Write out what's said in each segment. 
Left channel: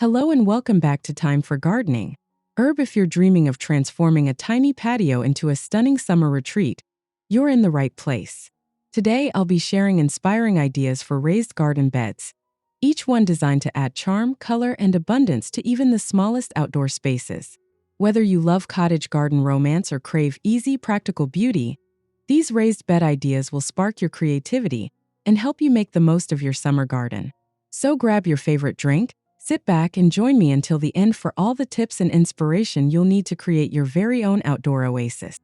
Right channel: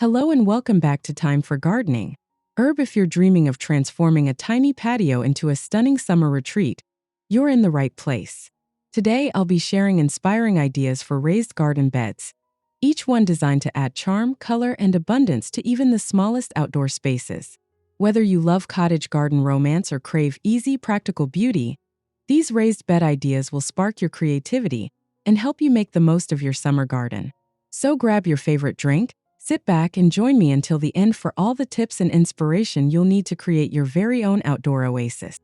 Hello and welcome back to Time for Gardening. Herb, if you're dreaming of transforming a tiny patio into a stunning summer retreat, you're in the right place. Today, I'll be sharing inspiring ideas for raised garden beds, each one designed to add charm, color, and abundance to even the smallest outdoor spaces. Whether you love cottage garden romance or crave easy, practical beauty, these raised bed ideas will spark your creativity and help you make the most of your summer garden. So grab your favorite drink, sit back and join me until the end for all the tips and inspiration you'll need to create your very own outdoor oasis.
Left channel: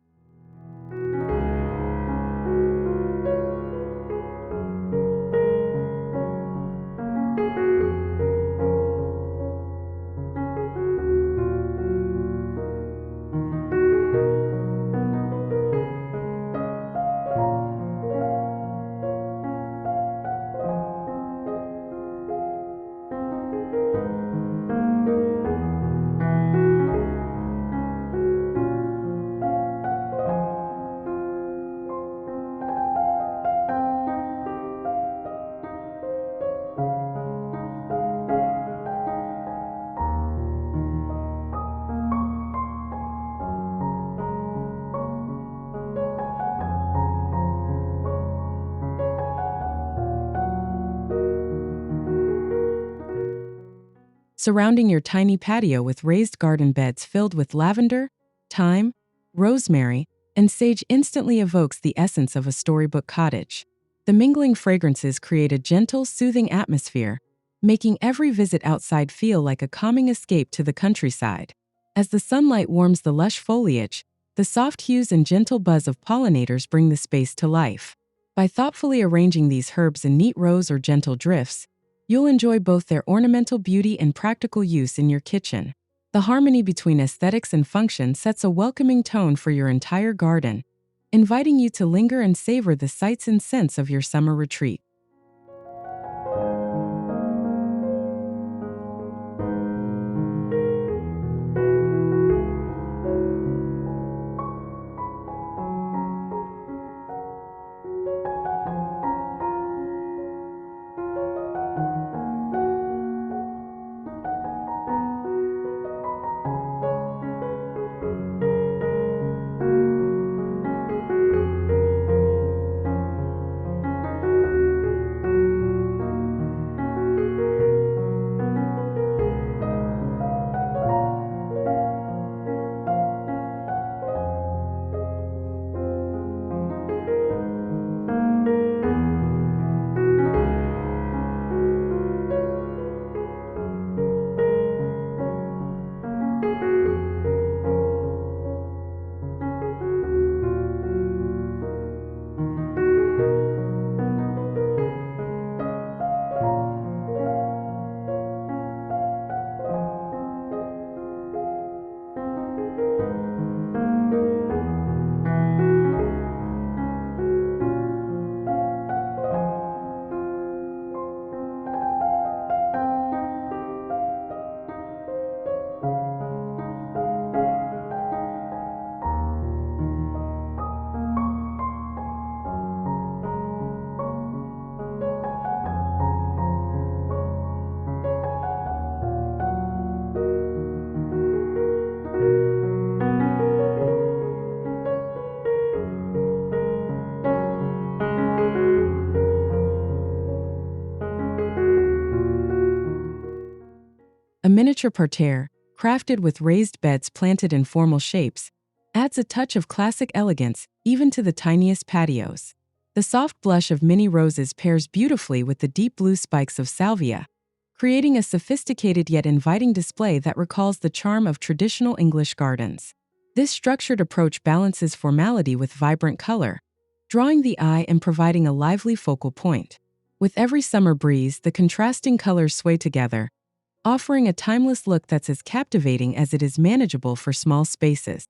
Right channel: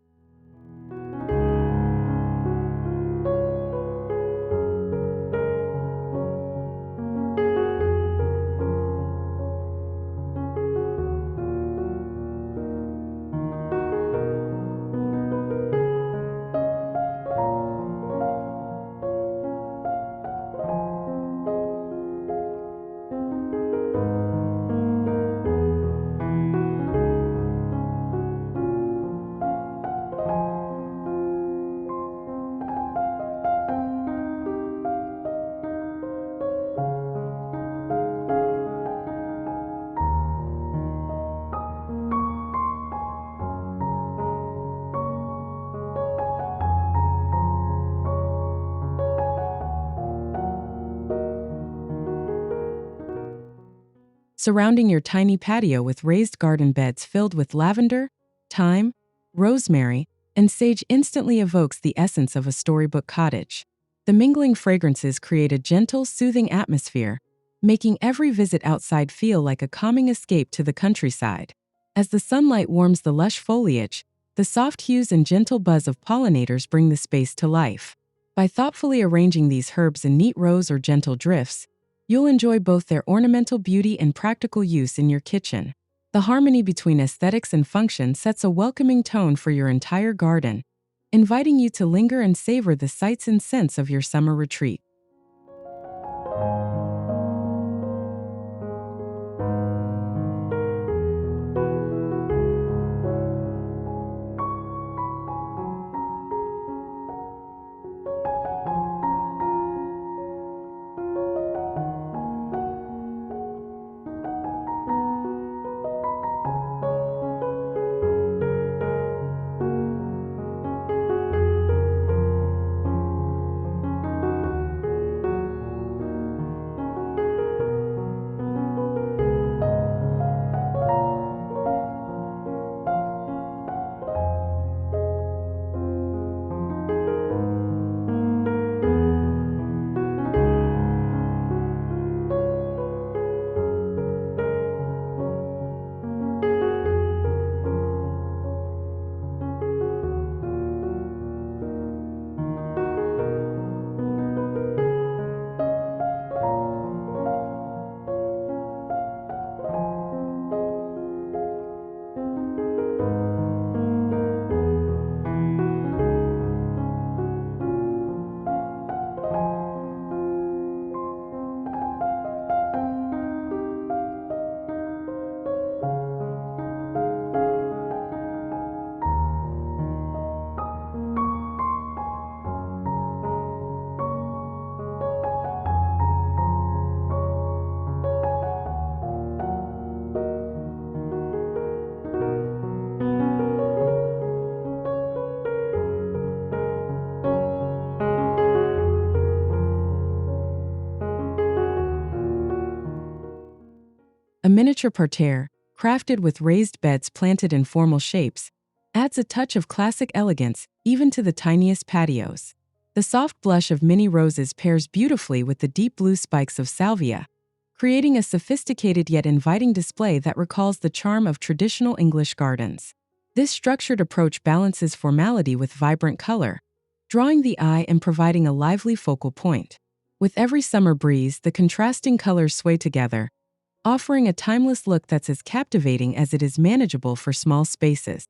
Surrounding your tiny patio with raised garden beds filled with lavender, thyme, rosemary, and sage instantly evokes the essence of a storybook cottage. The mingling fragrances create a gentle, soothing atmosphere, making every visit outside feel like a calming escape to the countryside. As the sunlight warms the lush foliage, the soft hues and gentle buzz of pollinators bring the space to life. By thoughtfully arranging these herbs in neat rows or gentle drifts, you'll enjoy both their ornamental beauty and practical use in your kitchen. The harmony between aesthetics and function sets a welcoming tone for your entire garden, inviting you to linger and savor the sights and scents of your summer retreat. A miniature parterre, crafted with raised beds planted in formal shapes, adds a touch of classic elegance even to the tiniest patios. The soft blush of mini roses pairs beautifully with the deep blue spikes of Salvia, creating a sophisticated yet inviting display that recalls the charm of traditional English gardens. This structured approach balances formality with vibrant color, drawing the eye and providing a lively focal point. With every summer breeze, the contrasting colors sway together, offering a timeless look that's as captivating as it is manageable for small spaces.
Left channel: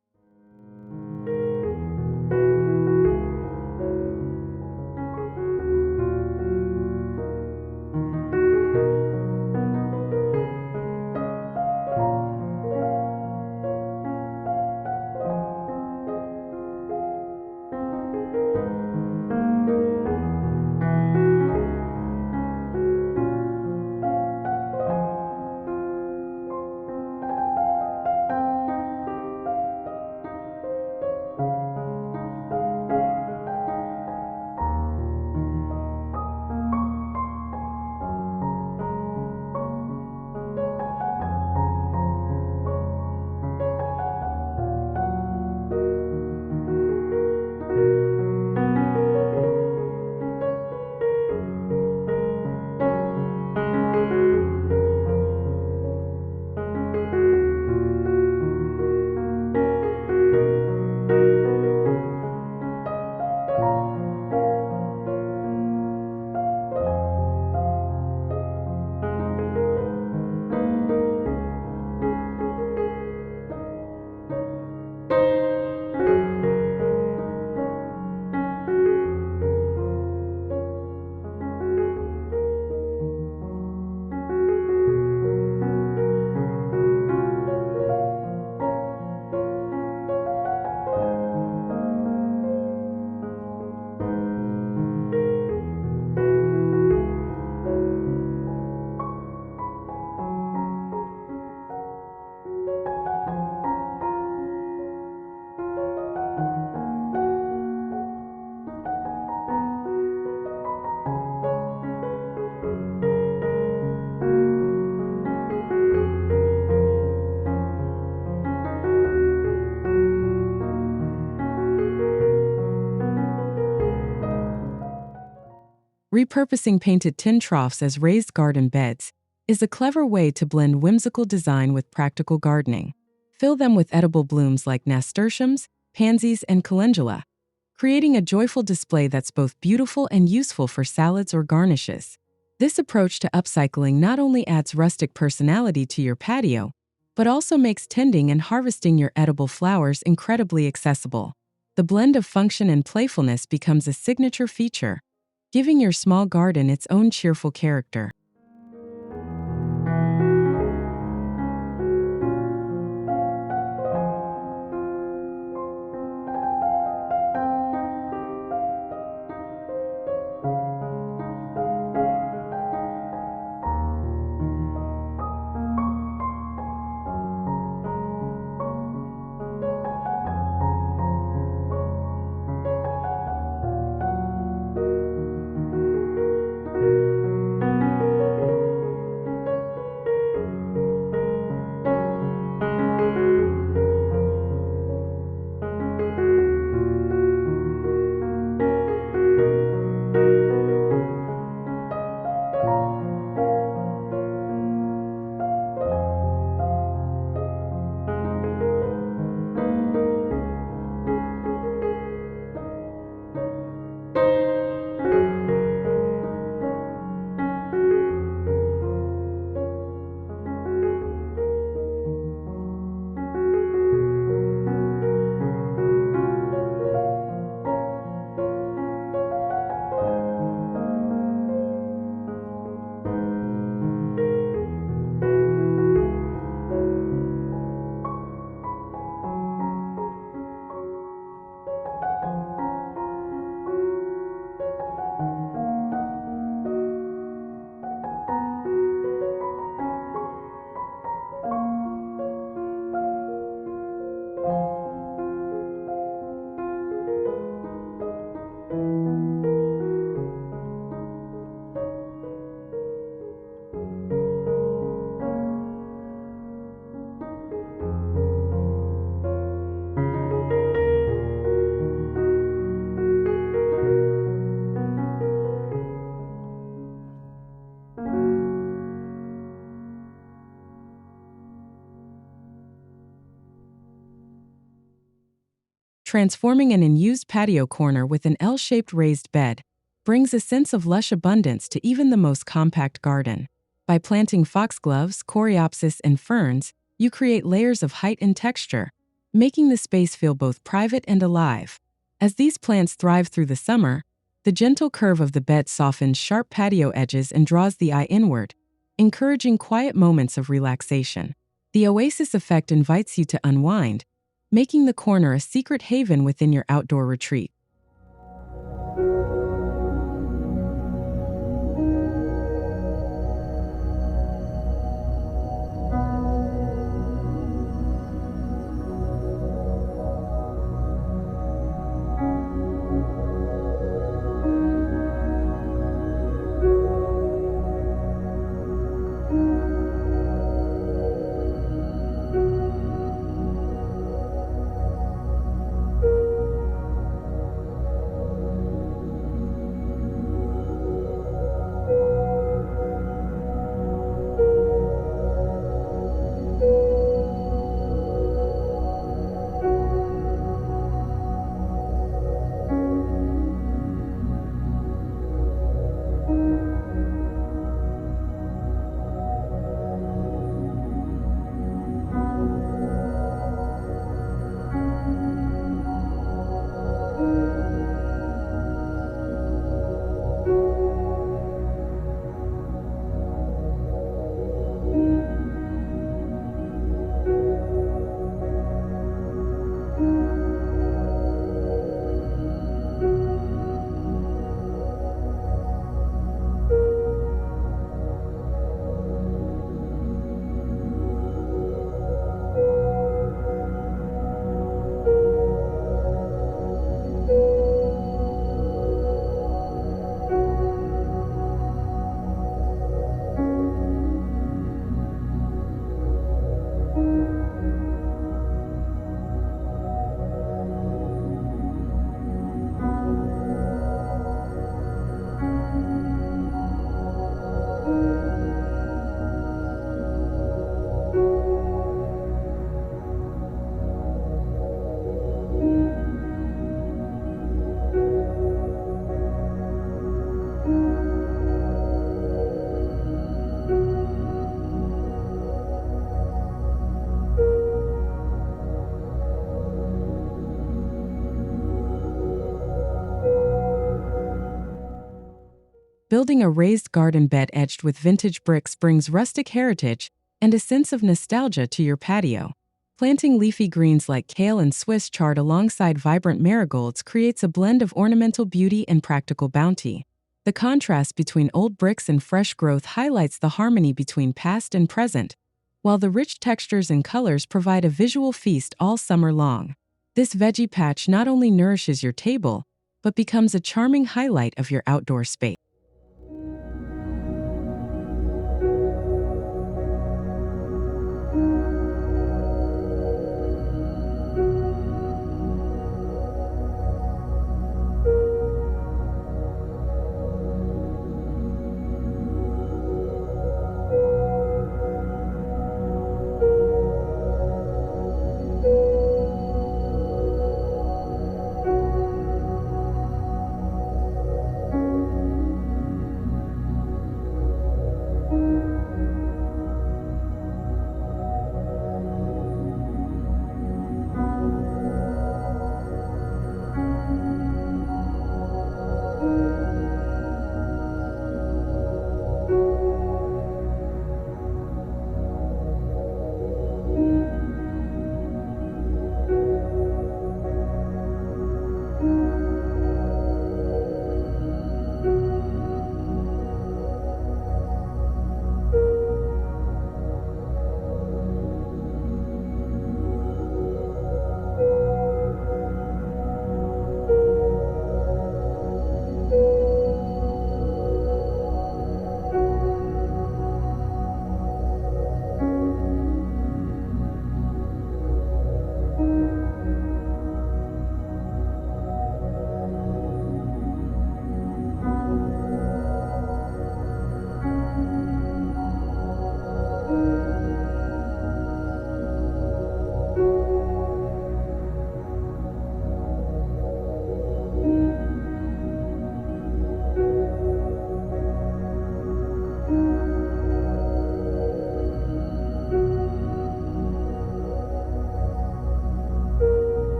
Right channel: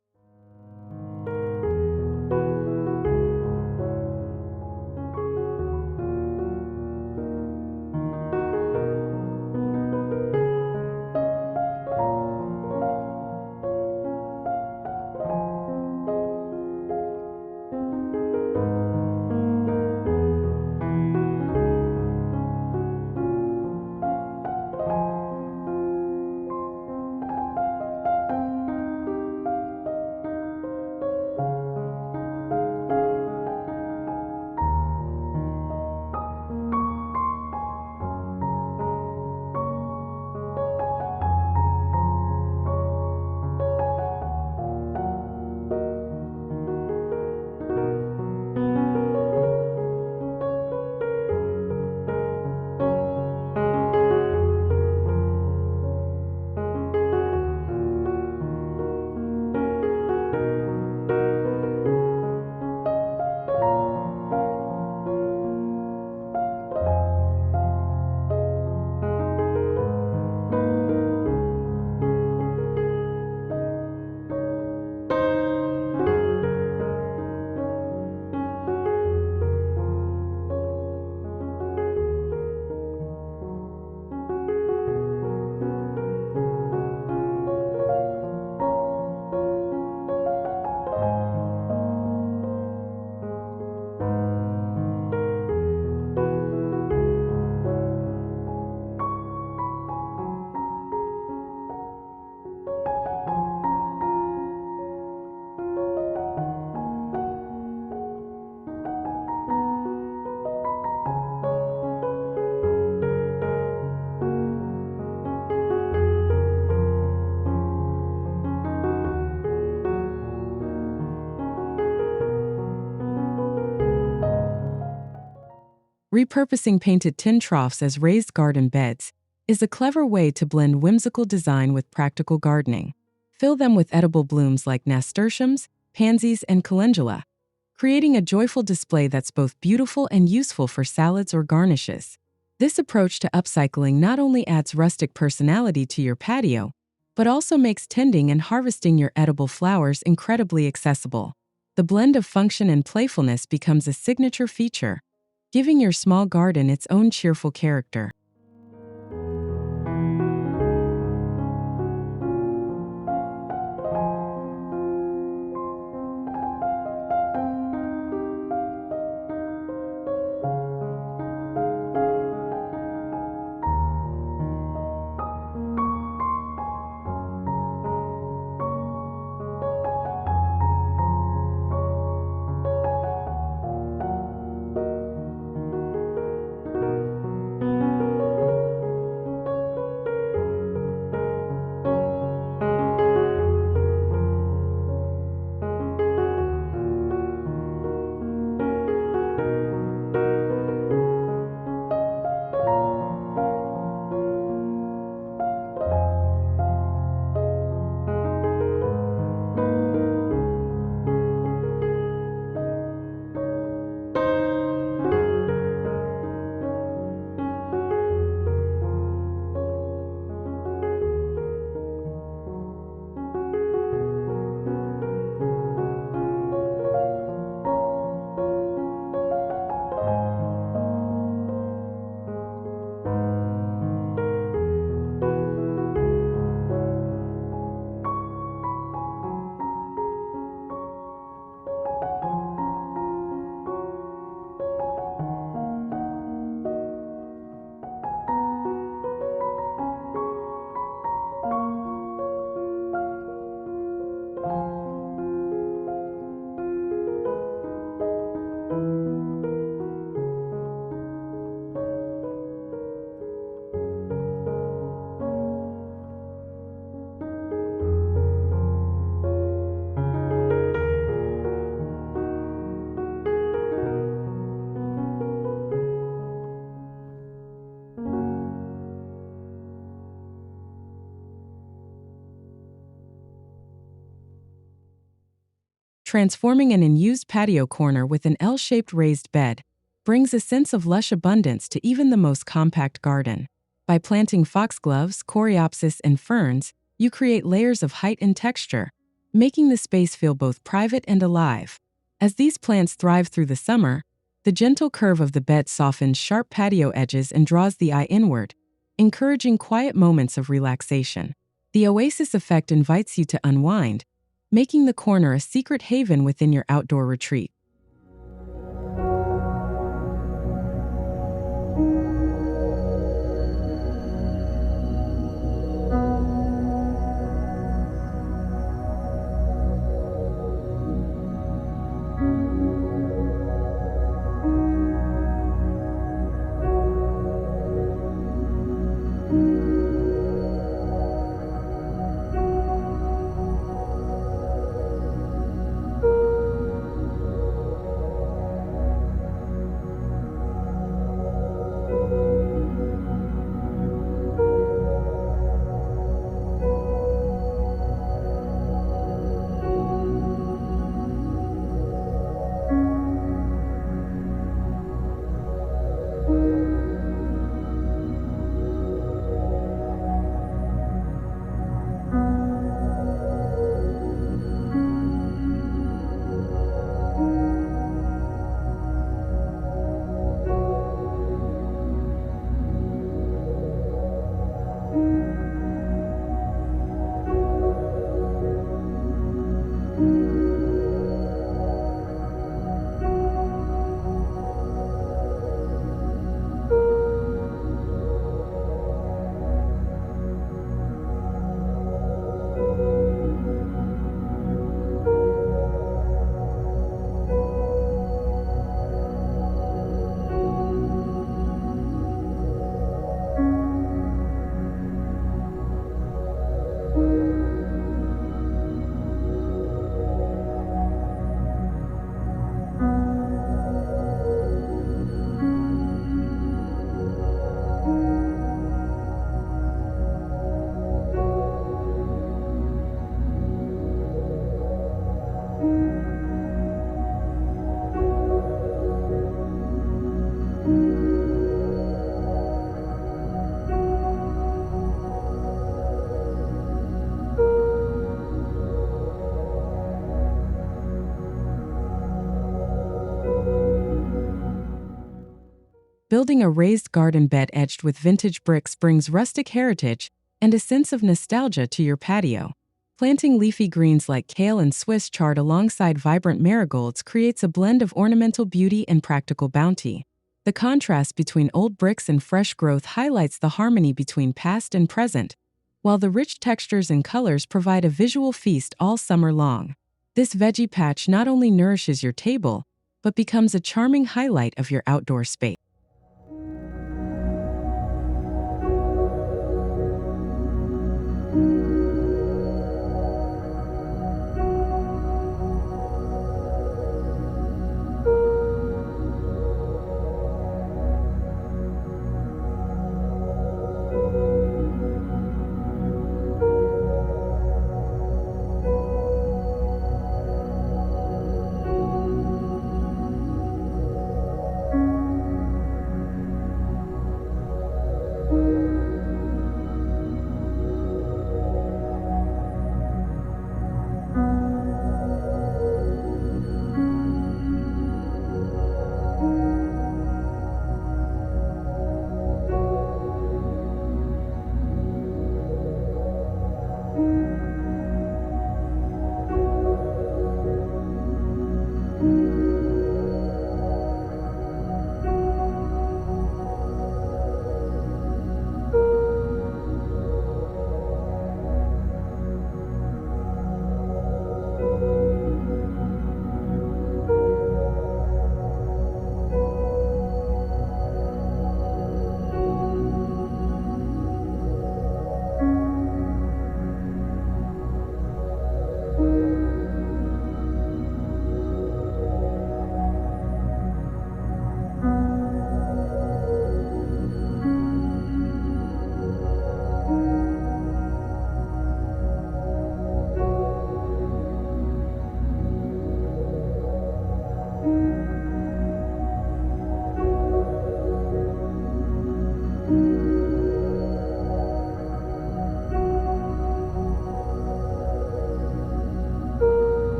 Repurposing painted tin troughs as raised garden beds is a clever way to blend whimsical design with practical gardening. Fill them with edible blooms like nasturtiums, pansies, and calendula, creating a joyful display that's both beautiful and useful for salads or garnishes. This approach to upcycling not only adds rustic personality to your patio, but also makes tending and harvesting your edible flowers incredibly accessible. The blend of function and playfulness becomes a signature feature, giving your small garden its own cheerful character. Transforming an unused patio corner with an L-shaped raised bed brings a sense of lush abundance to even the most compact garden. By planting foxgloves, coreopsis, and ferns, you create layers of height and texture, making the space feel both private and alive. As these plants thrive through the summer, the gentle curve of the bed softens sharp patio edges and draws the eye inward, encouraging quiet moments of relaxation. The Oasis effect invites you to unwind, making the corner a secret haven within your outdoor retreat. Building a raised garden bed edged with vintage bricks brings rustic heritage and a sense of nostalgia to your patio. Planting leafy greens like kale and Swiss chard alongside vibrant marigolds creates a blend of ornamental beauty and practical bounty. The contrast between old bricks and fresh growth highlights the harmony between past and present, while the rich textures and colors provide a visual feast all summer long. This veggie patch not only nourishes your table, but becomes a charming highlight of your outdoor space.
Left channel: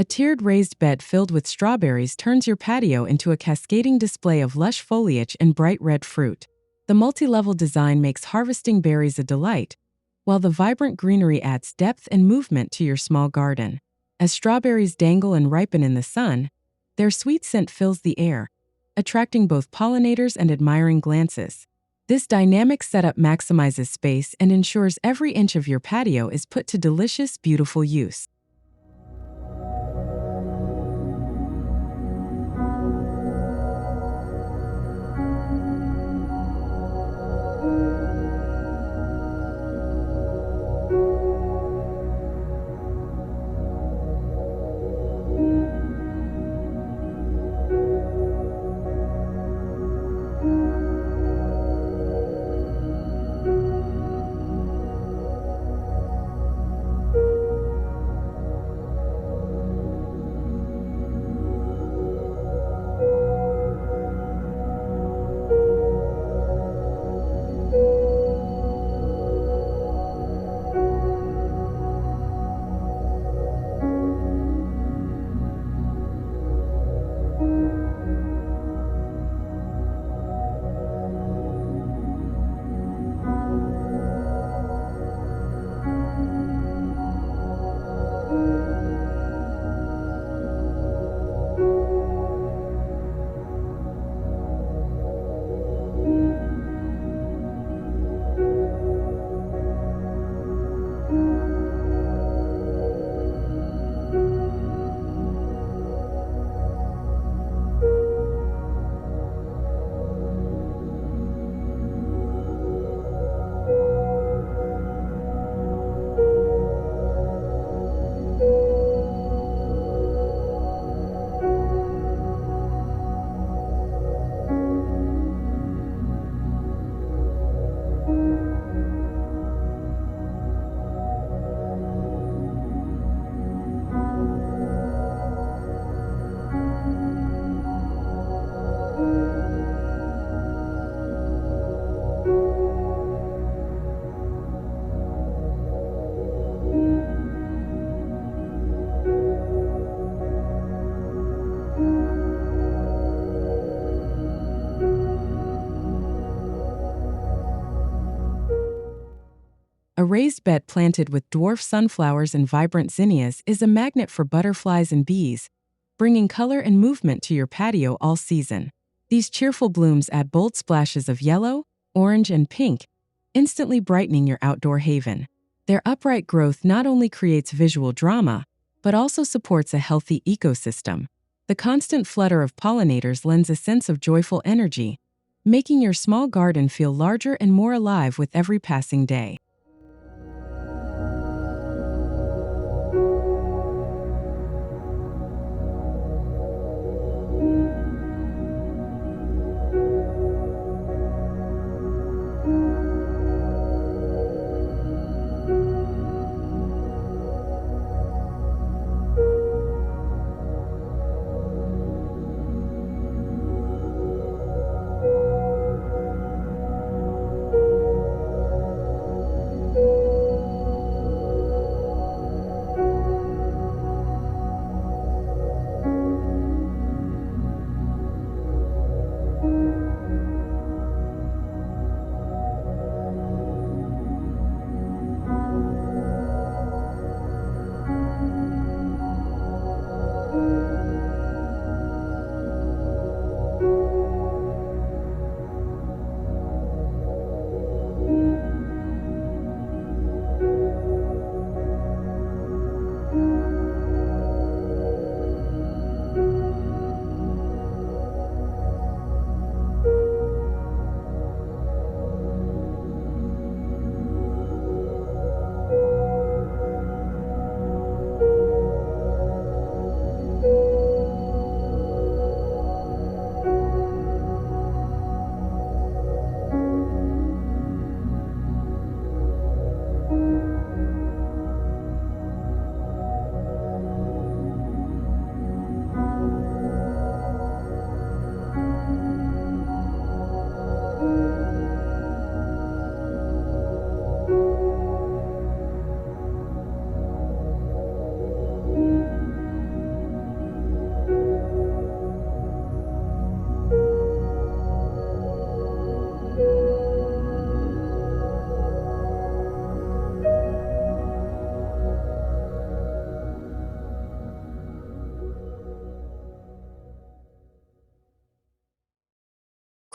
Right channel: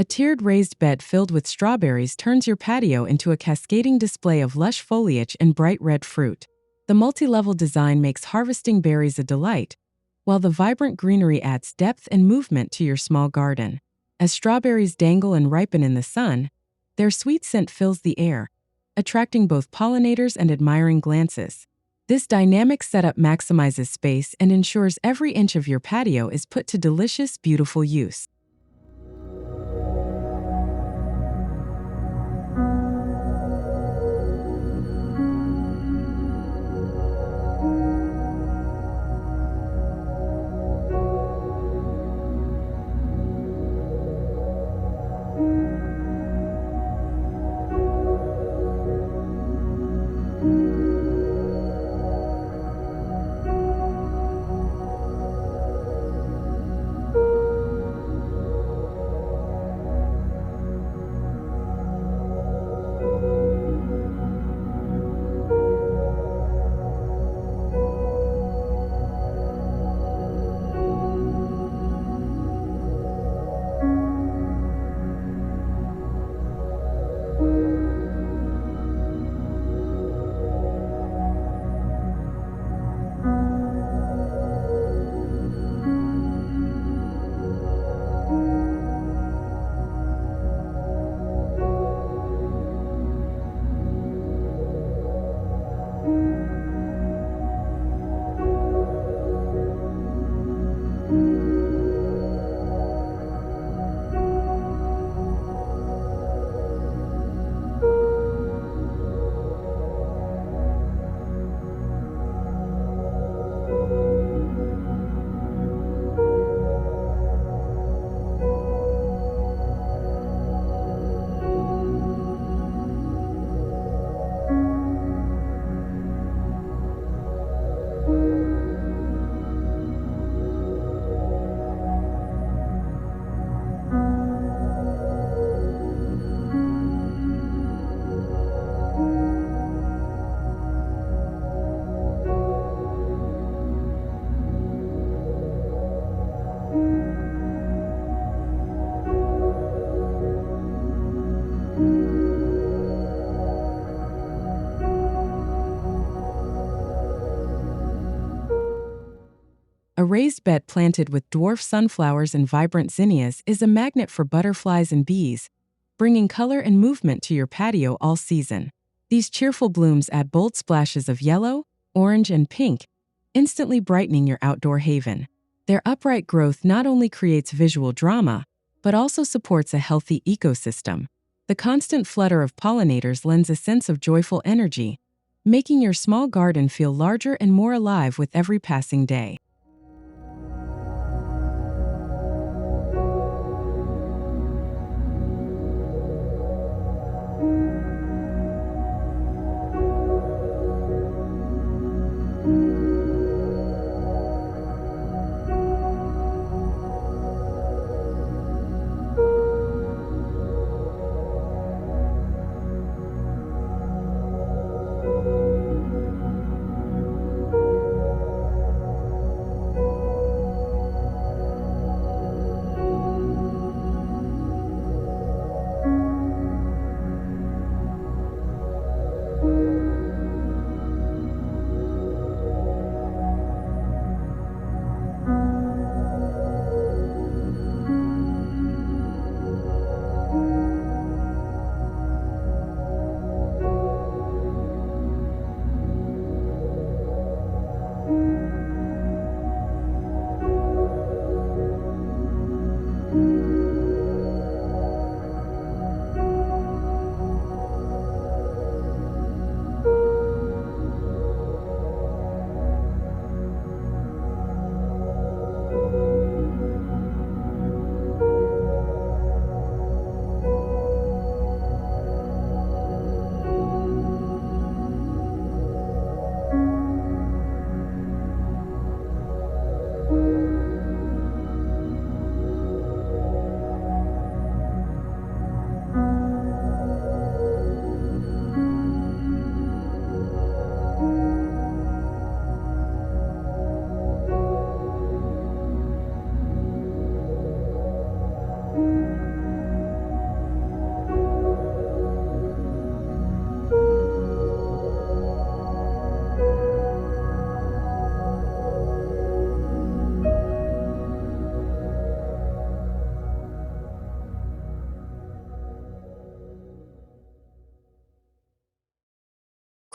A tiered raised bed filled with strawberries turns your patio into a cascading display of lush foliage and bright red fruit. The multi-level design makes harvesting berries a delight, while the vibrant greenery adds depth and movement to your small garden. As strawberries dangle and ripen in the sun, their sweet scent fills the air, attracting both pollinators and admiring glances. This dynamic setup maximizes space and ensures every inch of your patio is put to delicious, beautiful use. A raised bed planted with dwarf sunflowers and vibrant zinnias is a magnet for butterflies and bees, bringing color and movement to your patio all season. These cheerful blooms add bold splashes of yellow, orange, and pink, instantly brightening your outdoor haven. Their upright growth not only creates visual drama, but also supports a healthy ecosystem. The constant flutter of pollinators lends a sense of joyful energy, making your small garden feel larger and more alive with every passing day.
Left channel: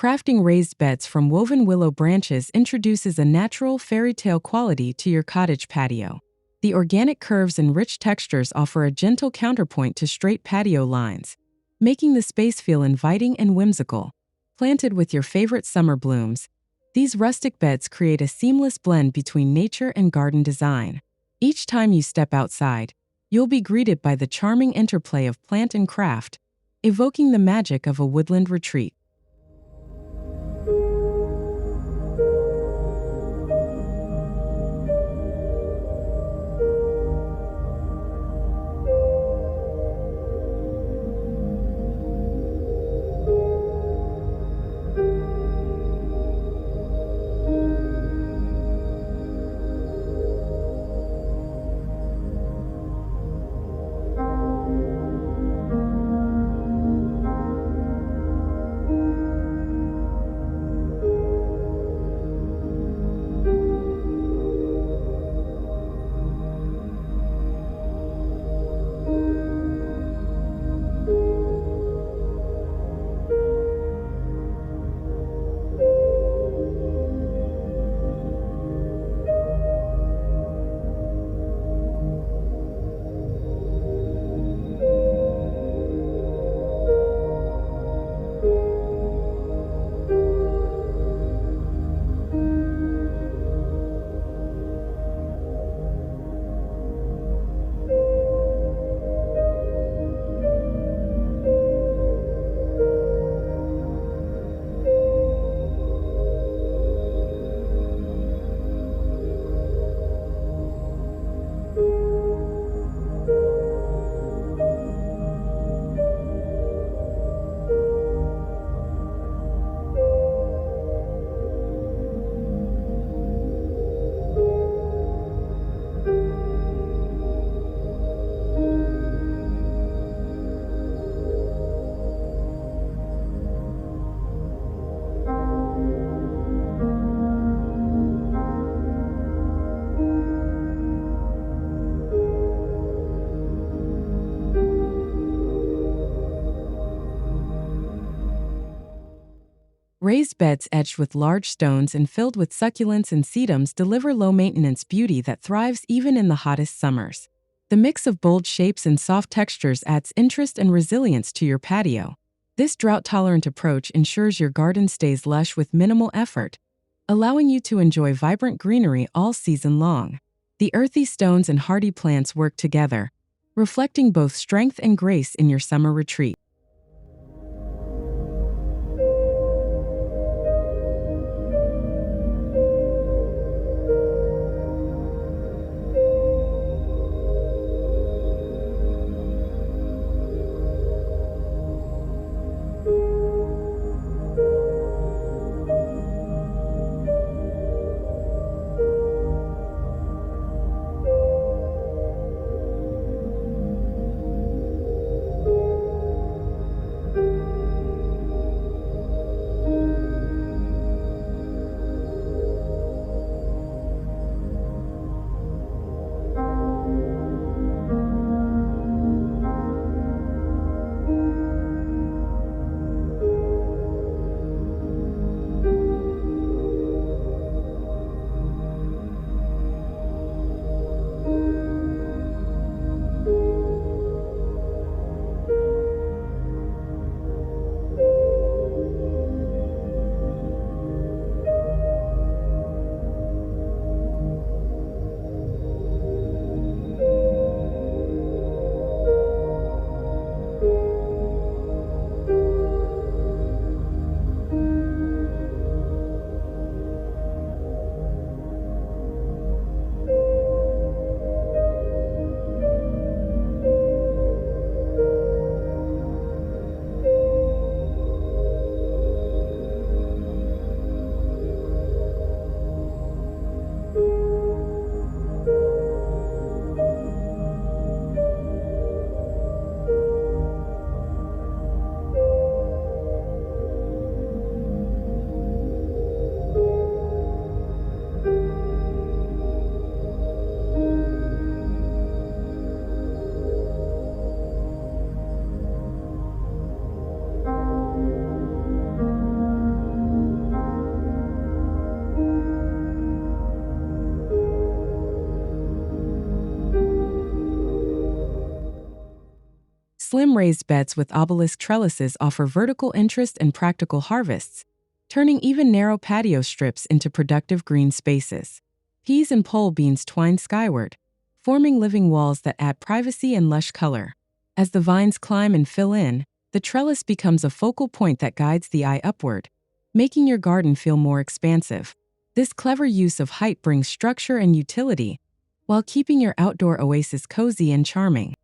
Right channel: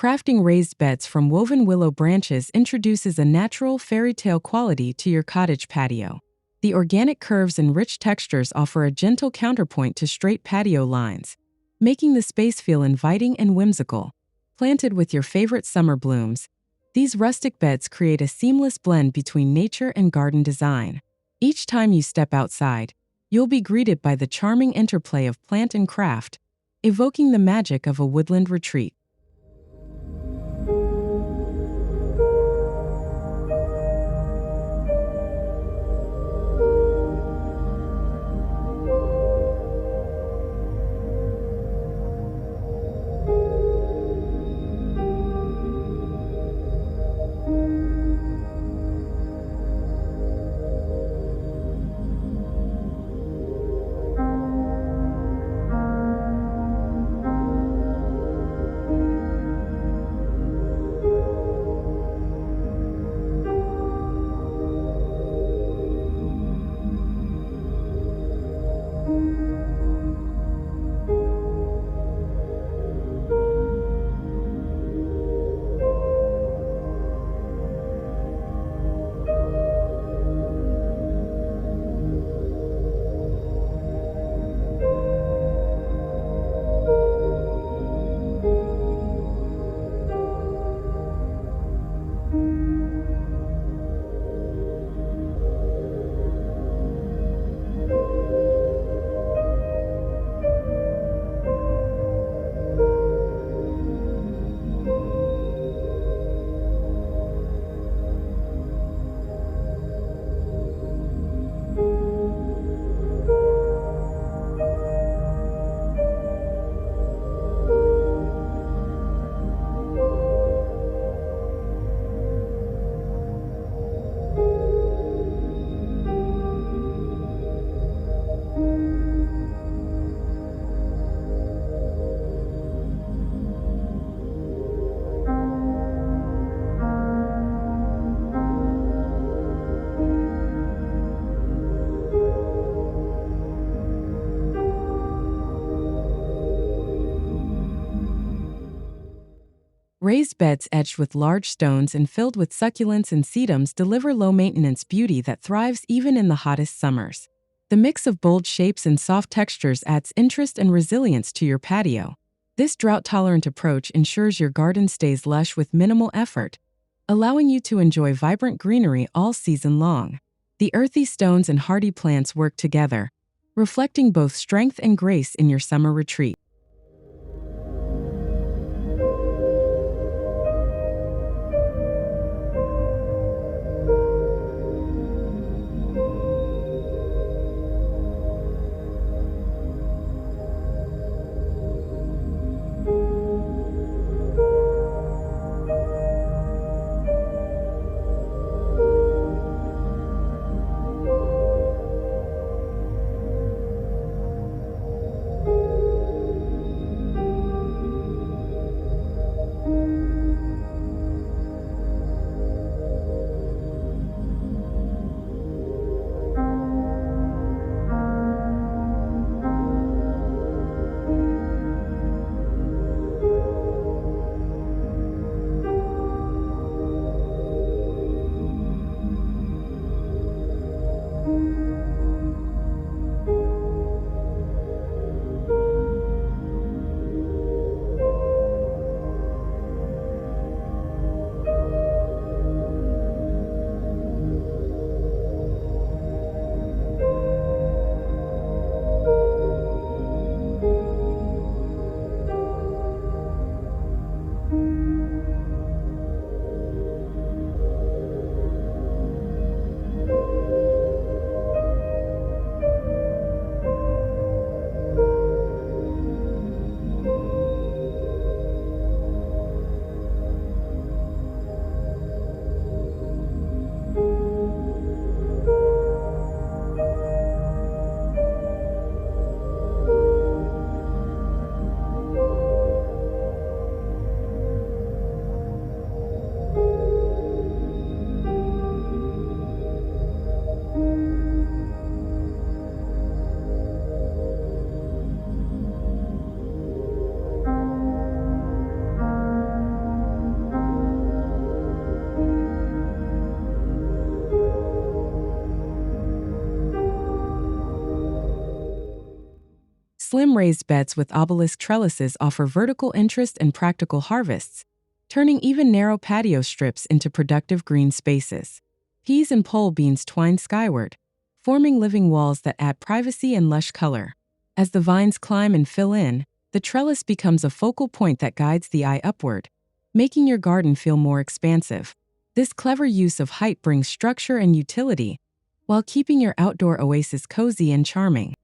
Crafting raised beds from woven willow branches introduces a natural fairy tale quality to your cottage patio. The organic curves and rich textures offer a gentle counterpoint to straight patio lines, making the space feel inviting and whimsical. Planted with your favorite summer blooms, these rustic beds create a seamless blend between nature and garden design. Each time you step outside, you'll be greeted by the charming interplay of plant and craft, evoking the magic of a woodland retreat. Raised beds edged with large stones and filled with succulents and sedums deliver low-maintenance beauty that thrives even in the hottest summers. The mix of bold shapes and soft textures adds interest and resilience to your patio. This drought-tolerant approach ensures your garden stays lush with minimal effort, allowing you to enjoy vibrant greenery all season long. The earthy stones and hardy plants work together, reflecting both strength and grace in your summer retreat. Slim raised beds with obelisk trellises offer vertical interest and practical harvests, turning even narrow patio strips into productive green spaces. Peas and pole beans twine skyward, forming living walls that add privacy and lush color. As the vines climb and fill in, the trellis becomes a focal point that guides the eye upward, making your garden feel more expansive. This clever use of height brings structure and utility, while keeping your outdoor oasis cozy and charming.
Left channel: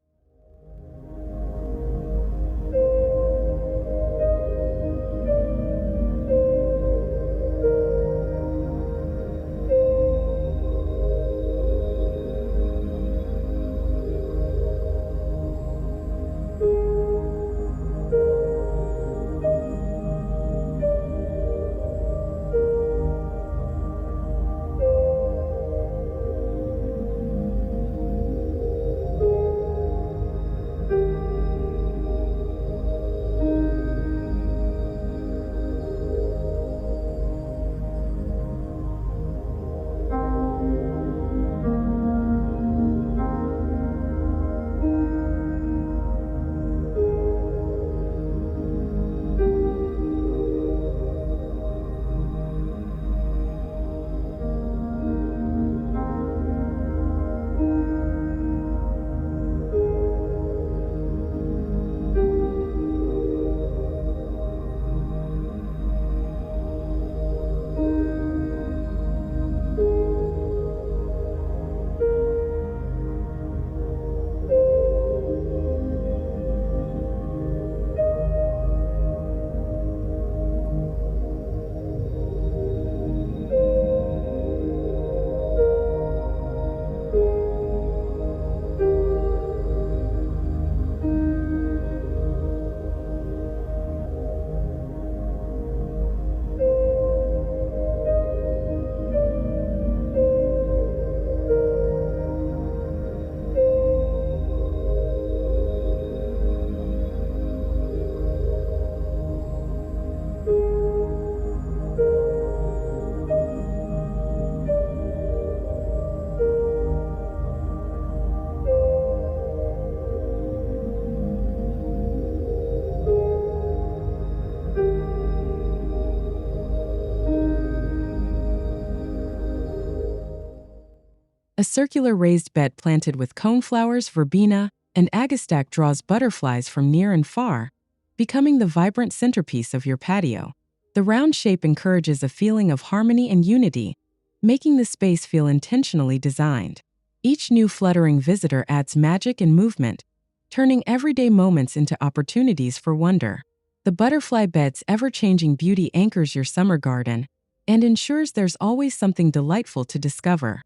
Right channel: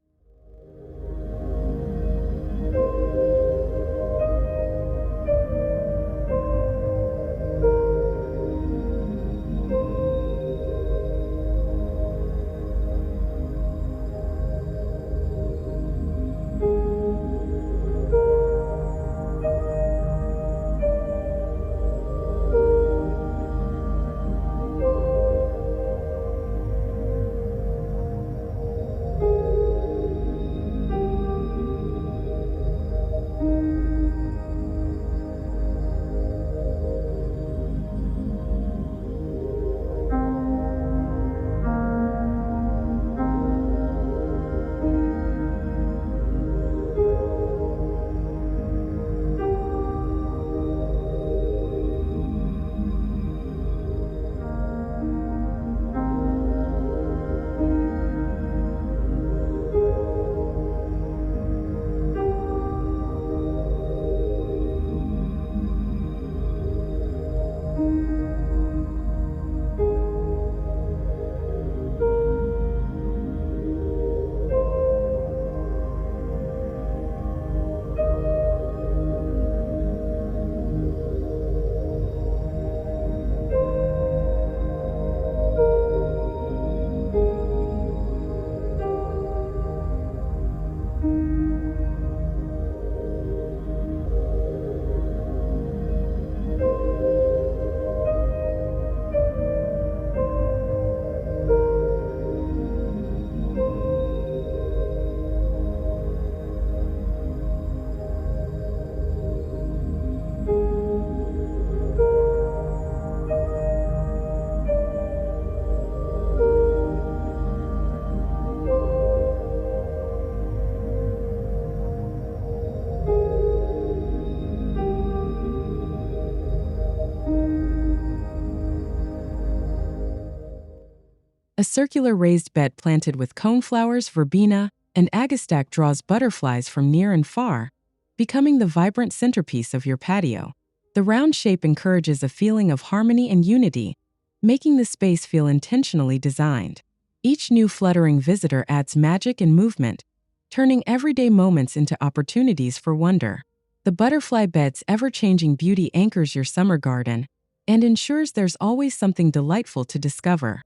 A circular raised bed planted with coneflowers, verbena, and agastache draws butterflies from near and far, becoming the vibrant centerpiece of your patio. The round shape encourages a feeling of harmony and unity, making the space feel intentionally designed. Each new fluttering visitor adds magic and movement, turning everyday moments into opportunities for wonder. The butterfly bed's ever-changing beauty anchors your summer garden and ensures there's always something delightful to discover.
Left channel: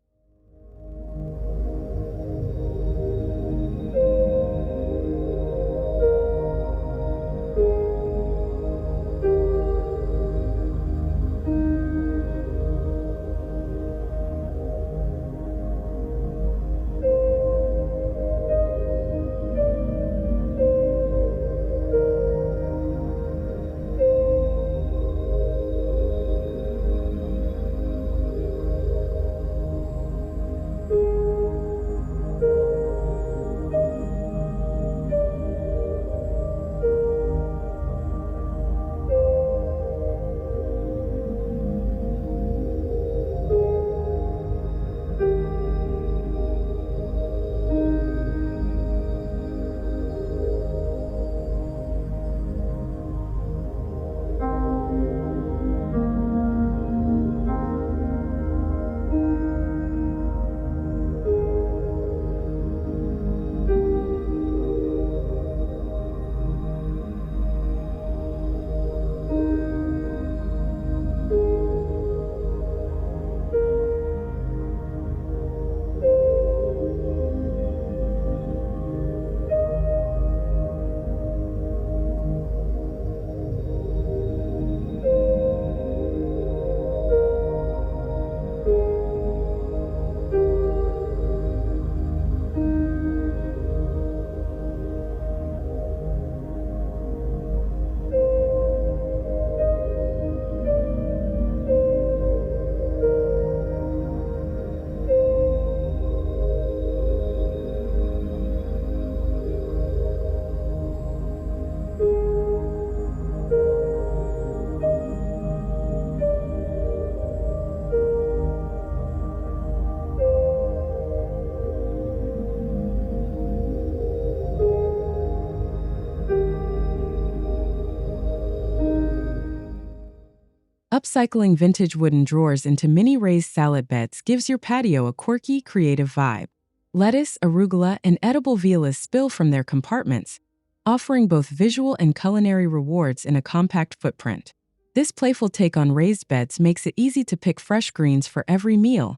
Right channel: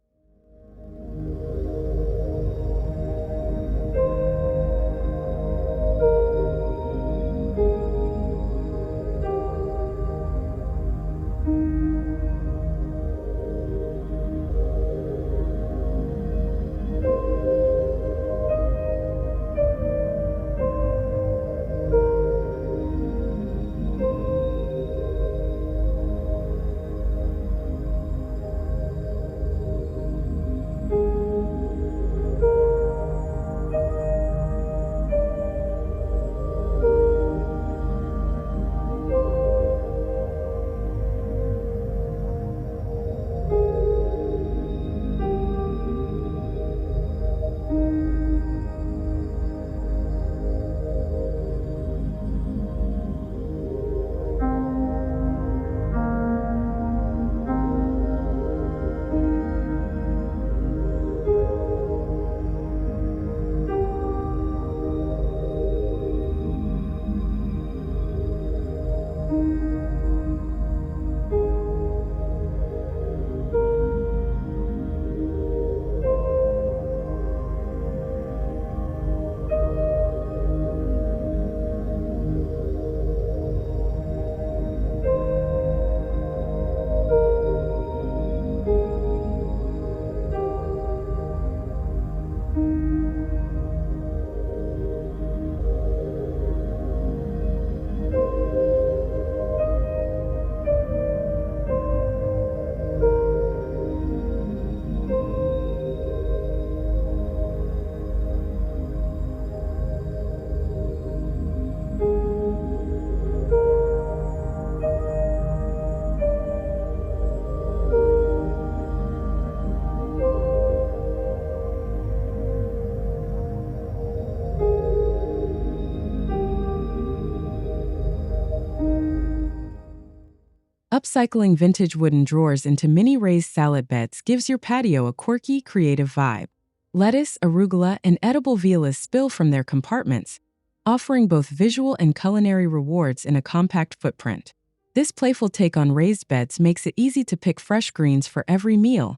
Upcycling vintage wooden drawers into mini raised salad beds gives your patio a quirky, creative vibe. Lettuce, arugula, and edible violets spill from their compartments, offering both visual and culinary rewards in a compact footprint. This playful take on raised beds makes it easy to pick fresh greens for every meal,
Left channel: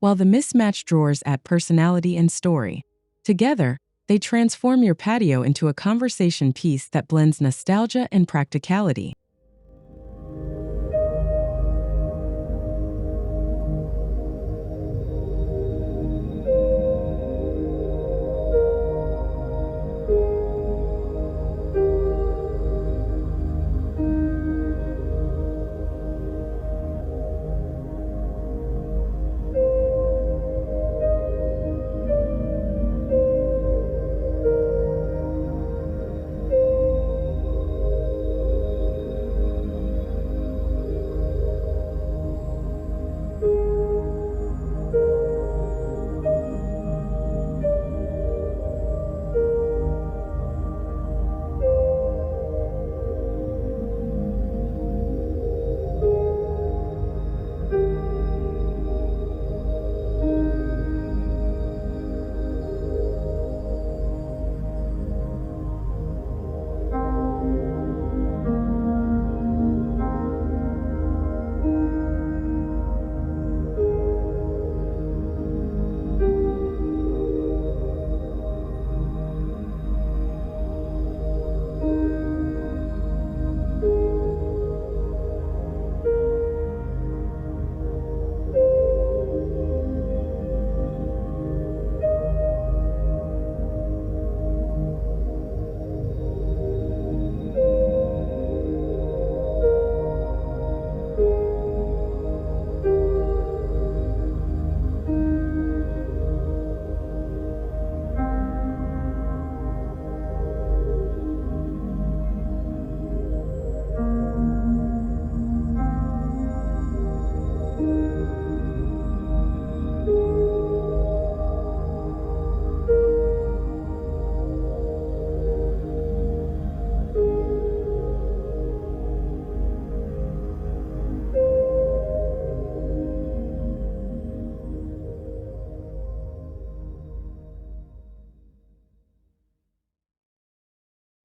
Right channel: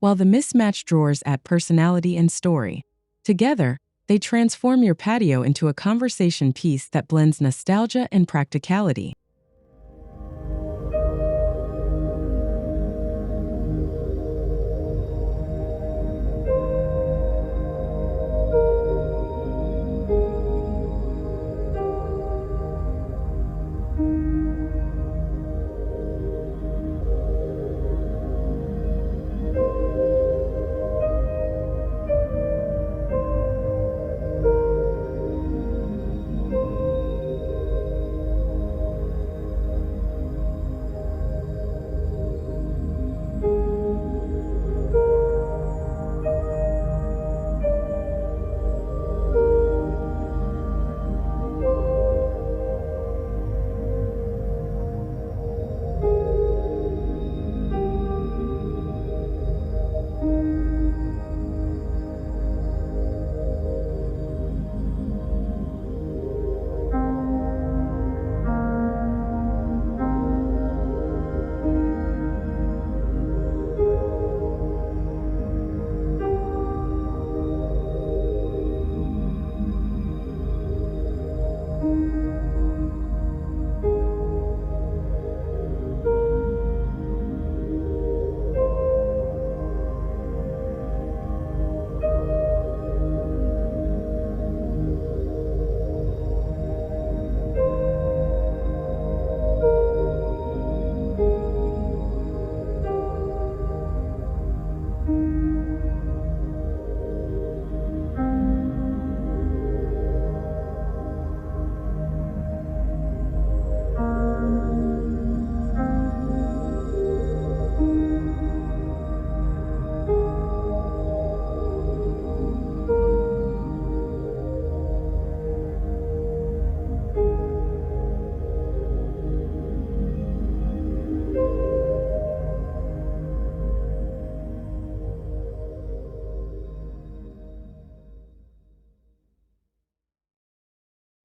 while the mismatched drawers add personality and story. Together, they transform your patio into a conversation piece that blends nostalgia and practicality.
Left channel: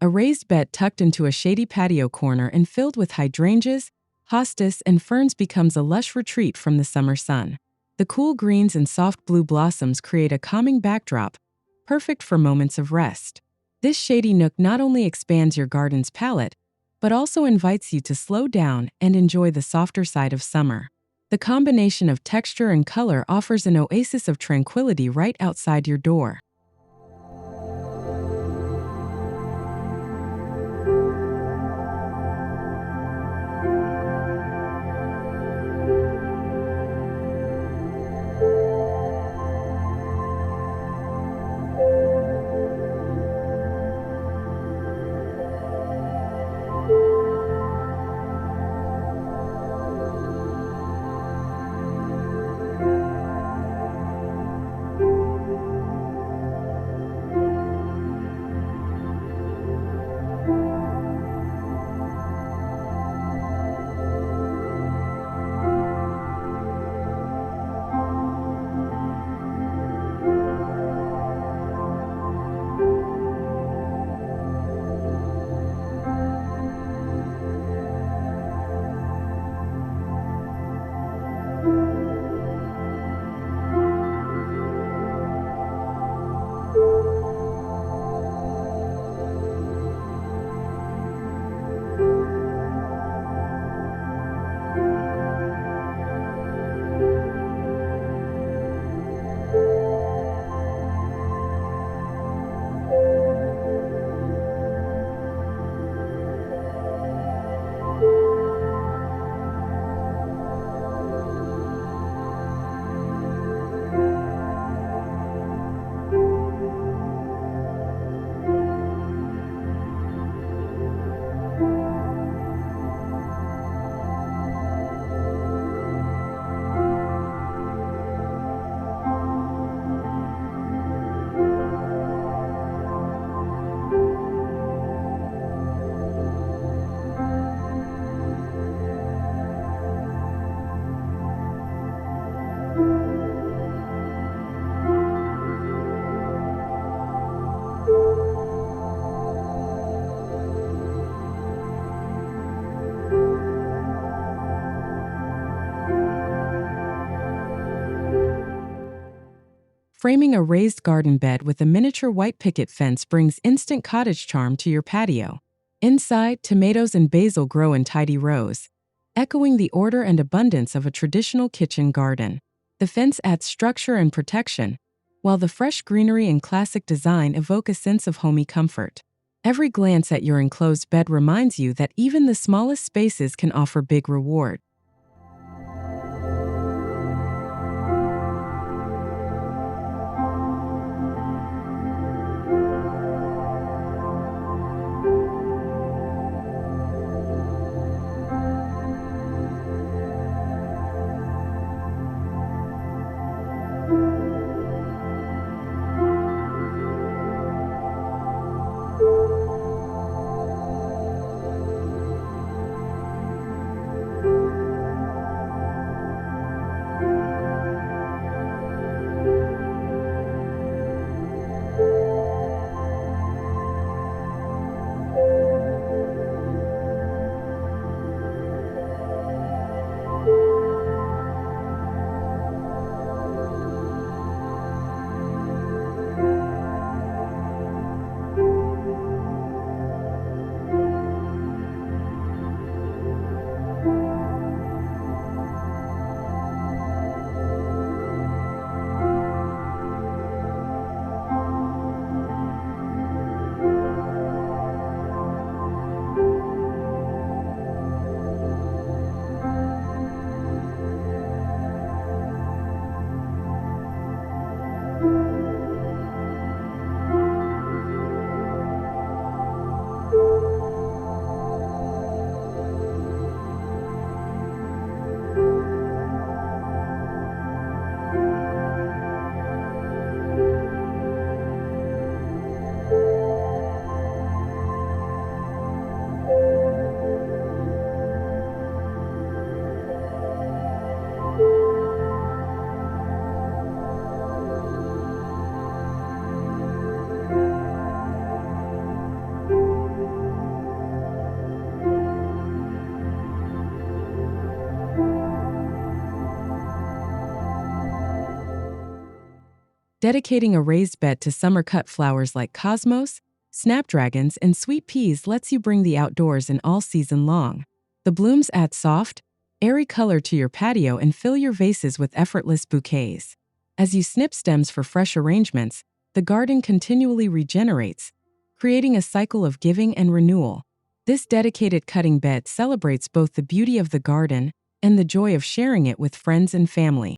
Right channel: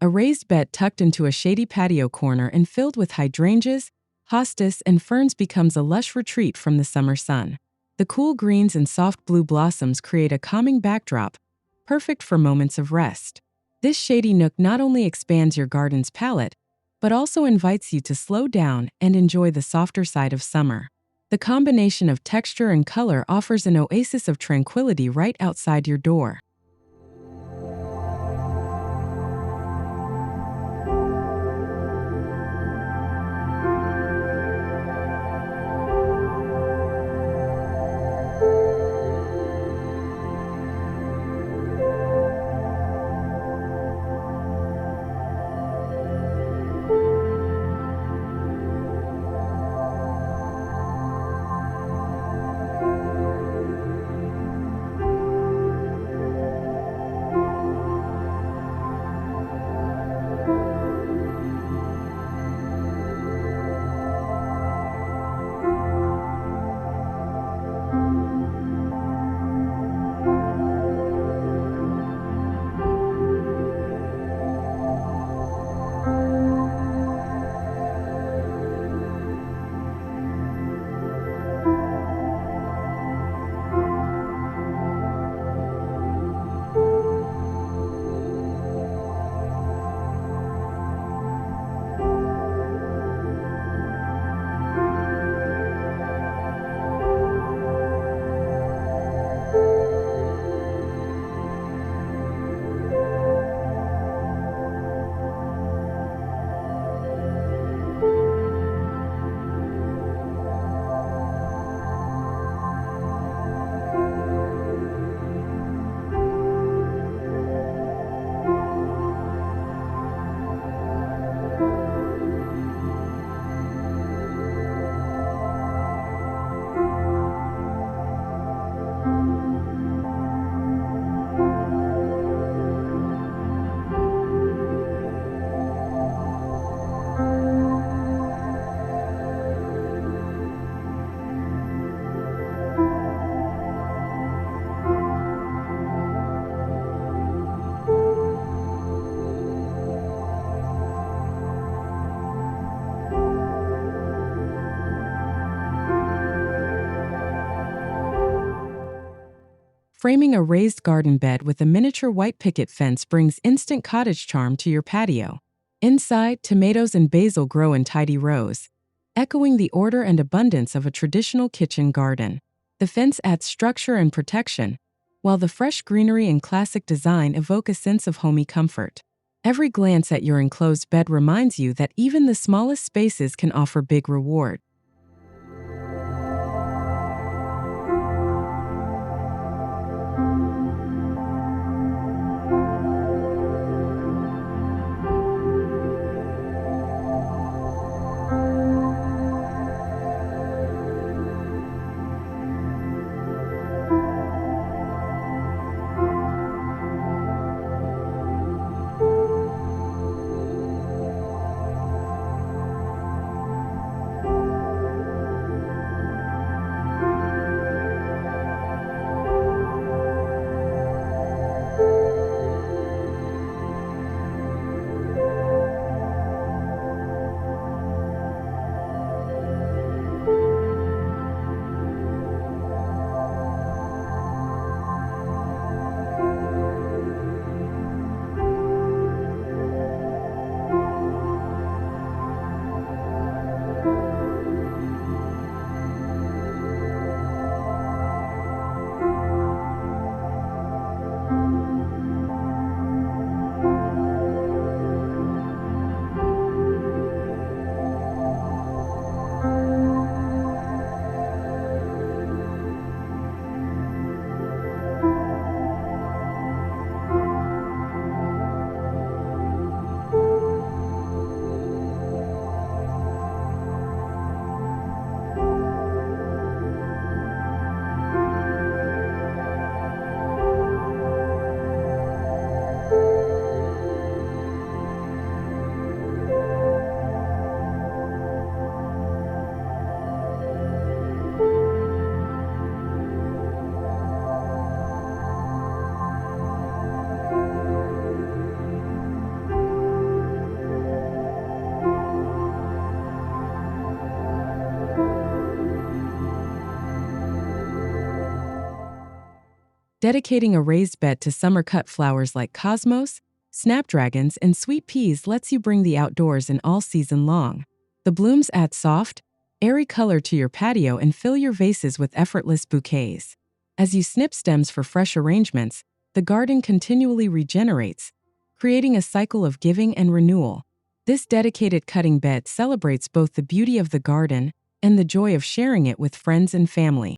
A raised bed tucked into a shady patio corner and filled with hydrangeas, hostas, and ferns becomes a lush retreat from the summer sun. The cool greens and soft blue blossoms create a calming backdrop, perfect for moments of rest. This shady nook not only expands your garden's palette, but also invites you to slow down and enjoy the softer side of summer. The combination of texture and color offers an oasis of tranquility right outside your door. Framing a raised garden bed with a miniature white picket fence brings instant cottage charm to your patio. Inside, tomatoes and basil grow in tidy rows, echoing the order and abundance of a traditional kitchen garden. The fence adds structure and protection, while the fresh greenery and classic design evoke a sense of homey comfort. Every glance at your enclosed bed reminds you that even the smallest spaces can offer big reward. Dedicating a raised bed to summer-cut flowers like cosmos, snapdragons, and sweet peas lets you bring the outdoors in all season long. The blooms add soft, airy color to your patio and fill your vases with effortless bouquets. As you snip stems for fresh arrangements, the garden continually regenerates, creating a cycle of giving and renewal. This dedicated cutting bed celebrates both the beauty of the garden and the joy of sharing it with friends and family.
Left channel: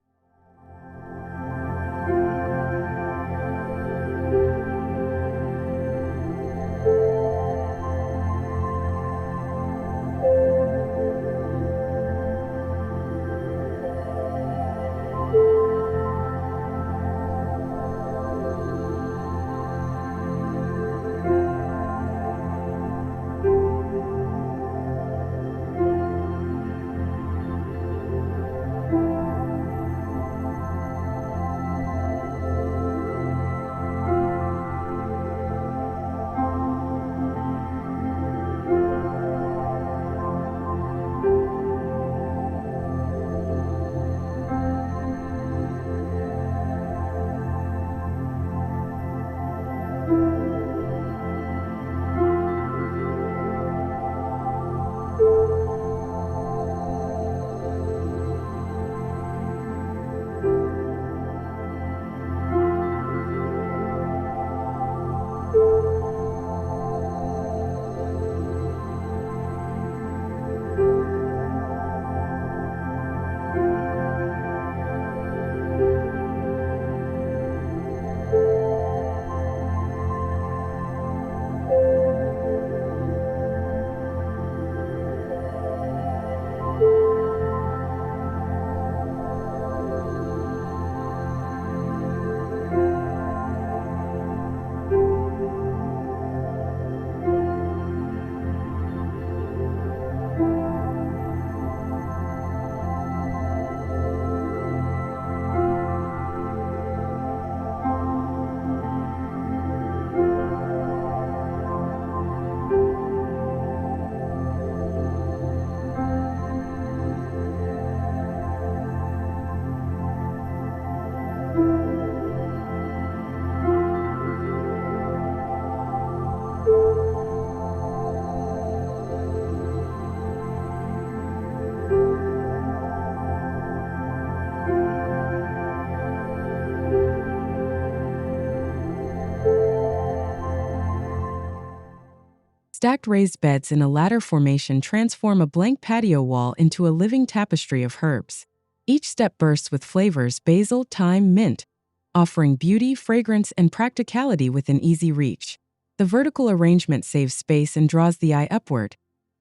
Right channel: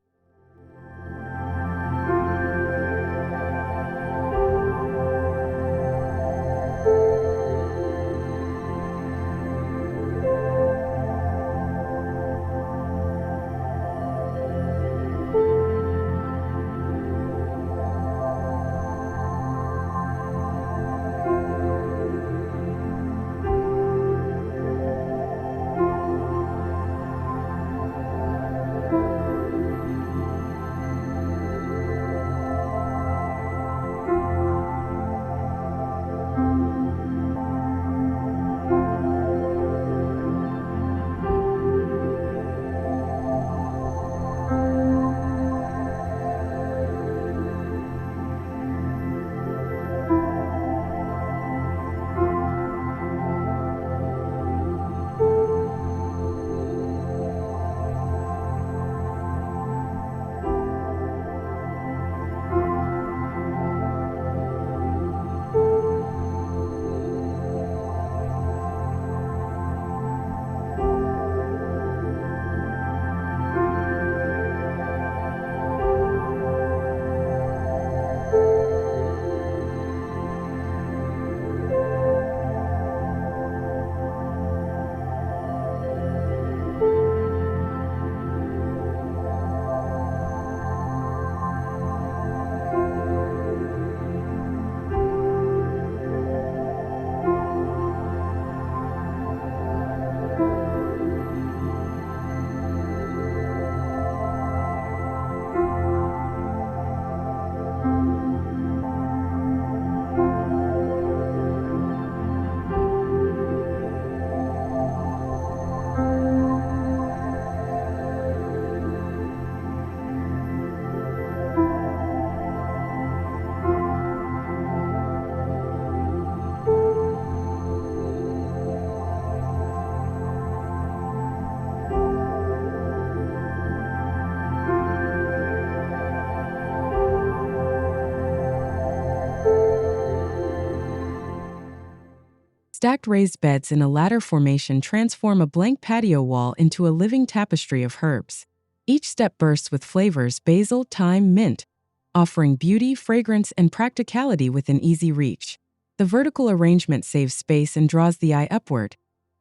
Stacked raised beds in a ladder formation transform a blank patio wall into a living tapestry of herbs. Each step bursts with flavors basil, thyme, mint, offering beauty, fragrance, and practicality within easy reach. The vertical arrangement saves space and draws the eye upward,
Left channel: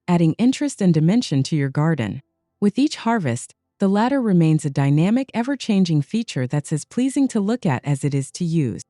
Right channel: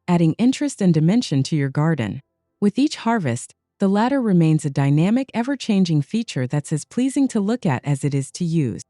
adding interest and dimension to your garden. With each harvest, the ladder remains a dynamic, ever-changing feature that's as pleasing to look at as it is to use.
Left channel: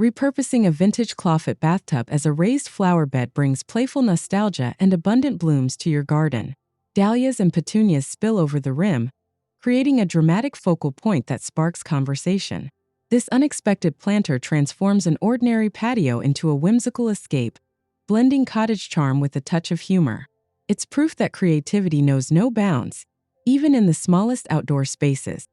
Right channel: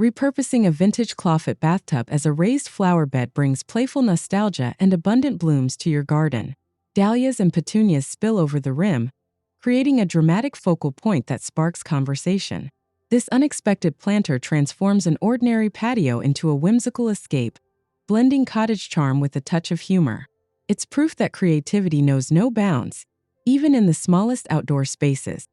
Repurposing a vintage clawfoot bathtub as a raised flower bed brings playful nostalgia and abundant blooms to your garden. Dahlias and petunias spill over the rim, creating a dramatic focal point that sparks conversation. This unexpected planter transforms an ordinary patio into a whimsical escape, blending cottage charm with a touch of humor. It's proof that creativity knows no bounds, even in the smallest outdoor spaces.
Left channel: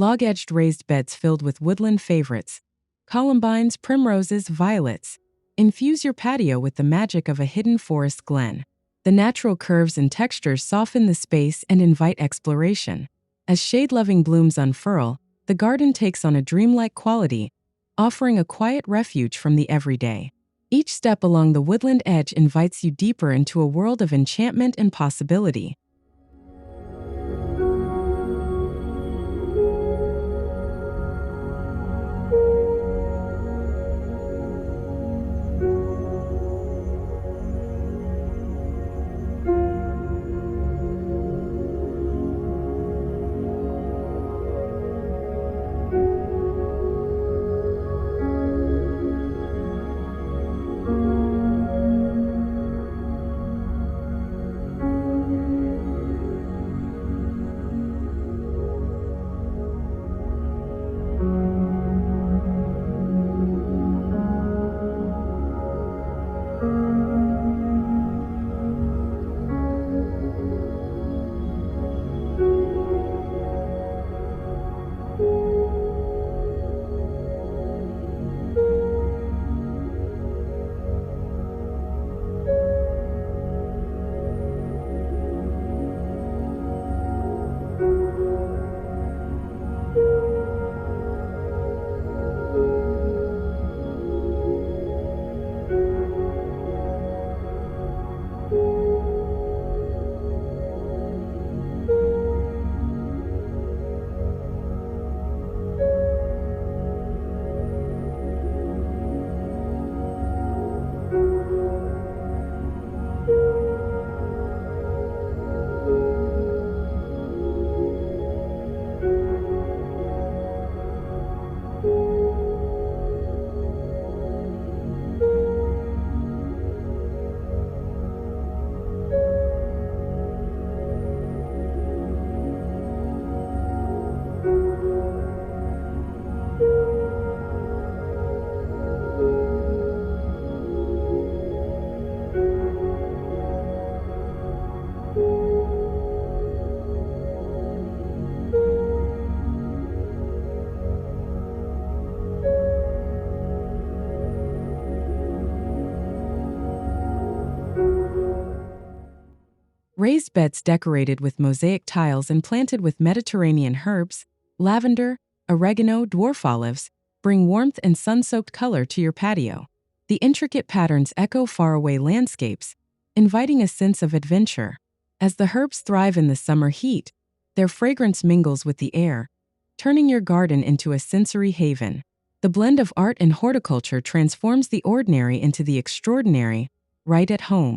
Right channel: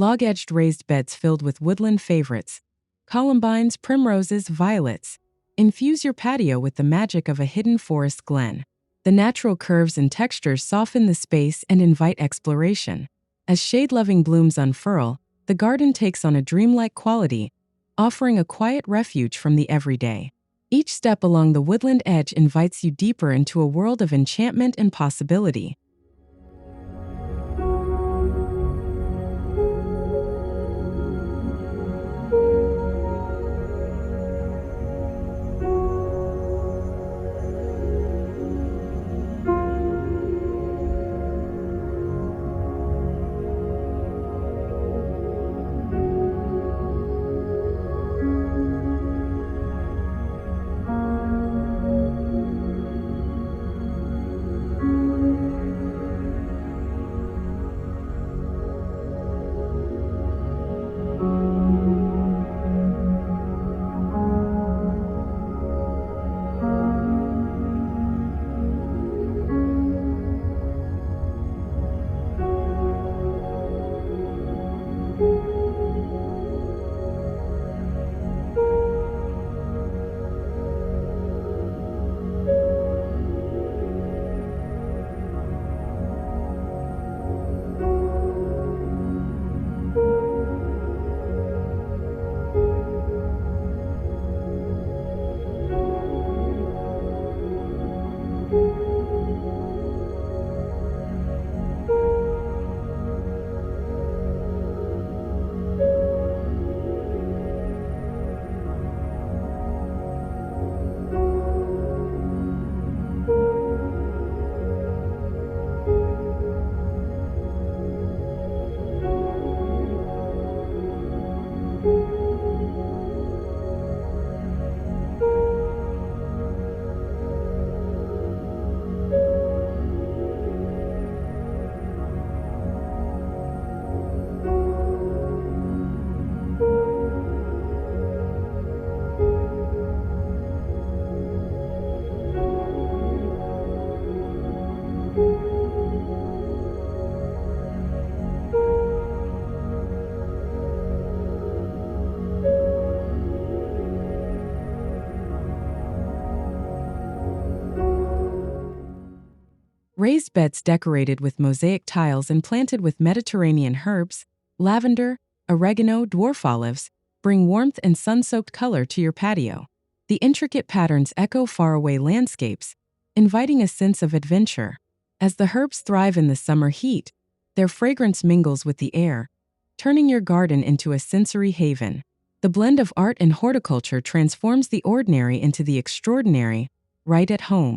Log-edged raised beds filled with woodland favorites, columbines, primroses, violets. Infuse your patio with the magic of a hidden forest glen. The natural curves and textures soften the space and invite exploration. As shade-loving blooms unfurl, the garden takes on a dreamlike quality, offering a quiet refuge from the everyday. Each step along the woodland edge invites you deeper into a world of enchantment and possibility. Raised beds decorated with mosaic tiles and planted with Mediterranean herbs, lavender, oregano, dwarf olives, bring warmth and sun-soaked color to your patio. The intricate patterns echo faraway landscapes, inviting a sense of adventure. As the herbs thrive in the summer heat, their fragrance mingles with the air, turning your garden into a sensory haven. The blend of art and horticulture transforms the ordinary into the extraordinary, right at home.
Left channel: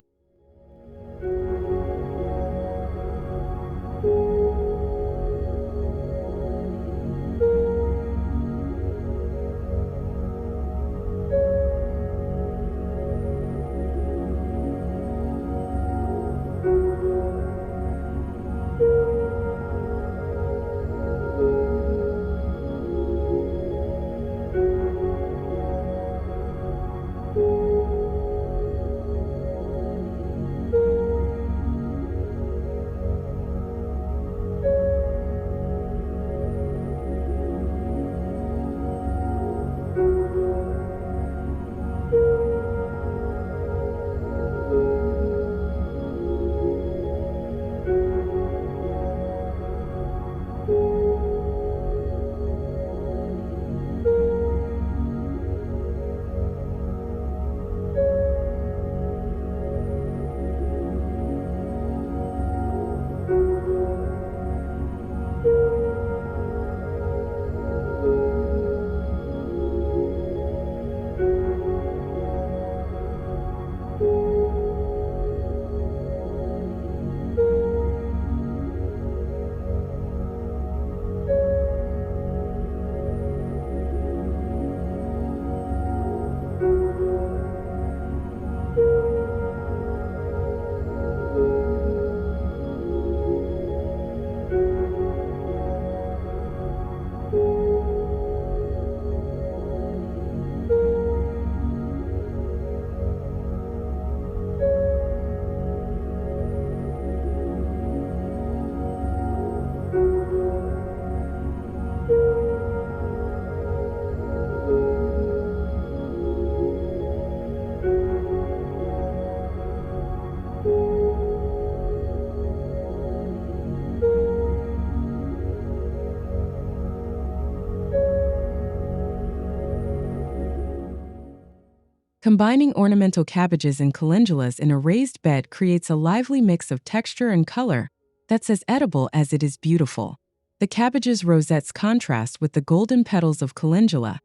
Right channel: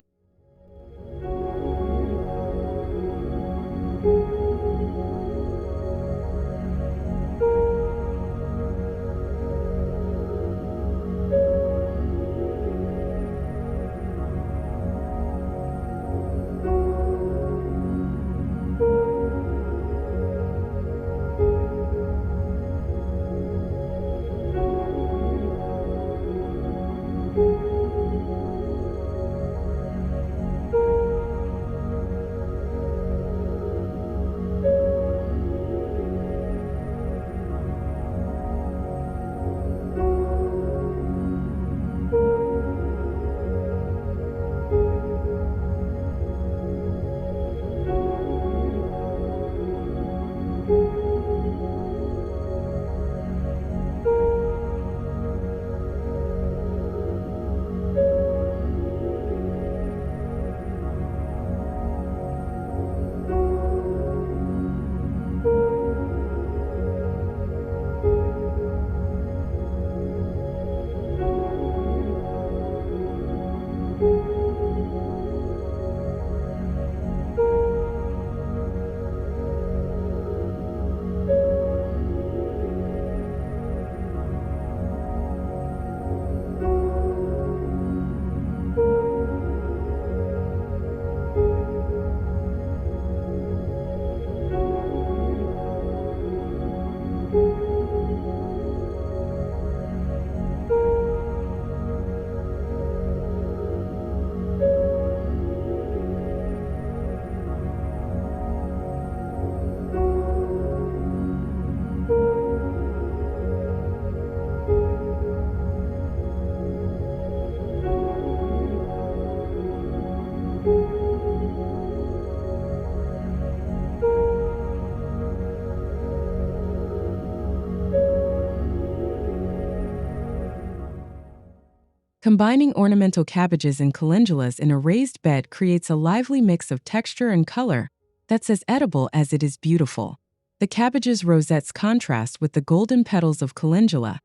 Combining ornamental cabbages and calendulas in a raised bed creates a lively mix of texture and color that's as edible as it is beautiful. The cabbage's rosettes contrast with the golden petals of calendula,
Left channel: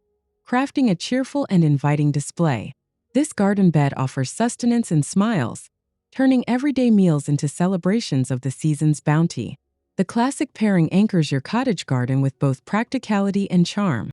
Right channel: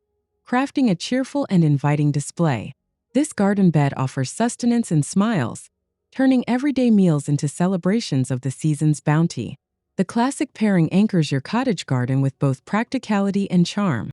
crafting a cheerful and inviting display. This garden bed offers sustenance and smiles, turning everyday meals into celebrations of the season's bounty. The classic pairing anchors your cottage garden with both practicality and charm.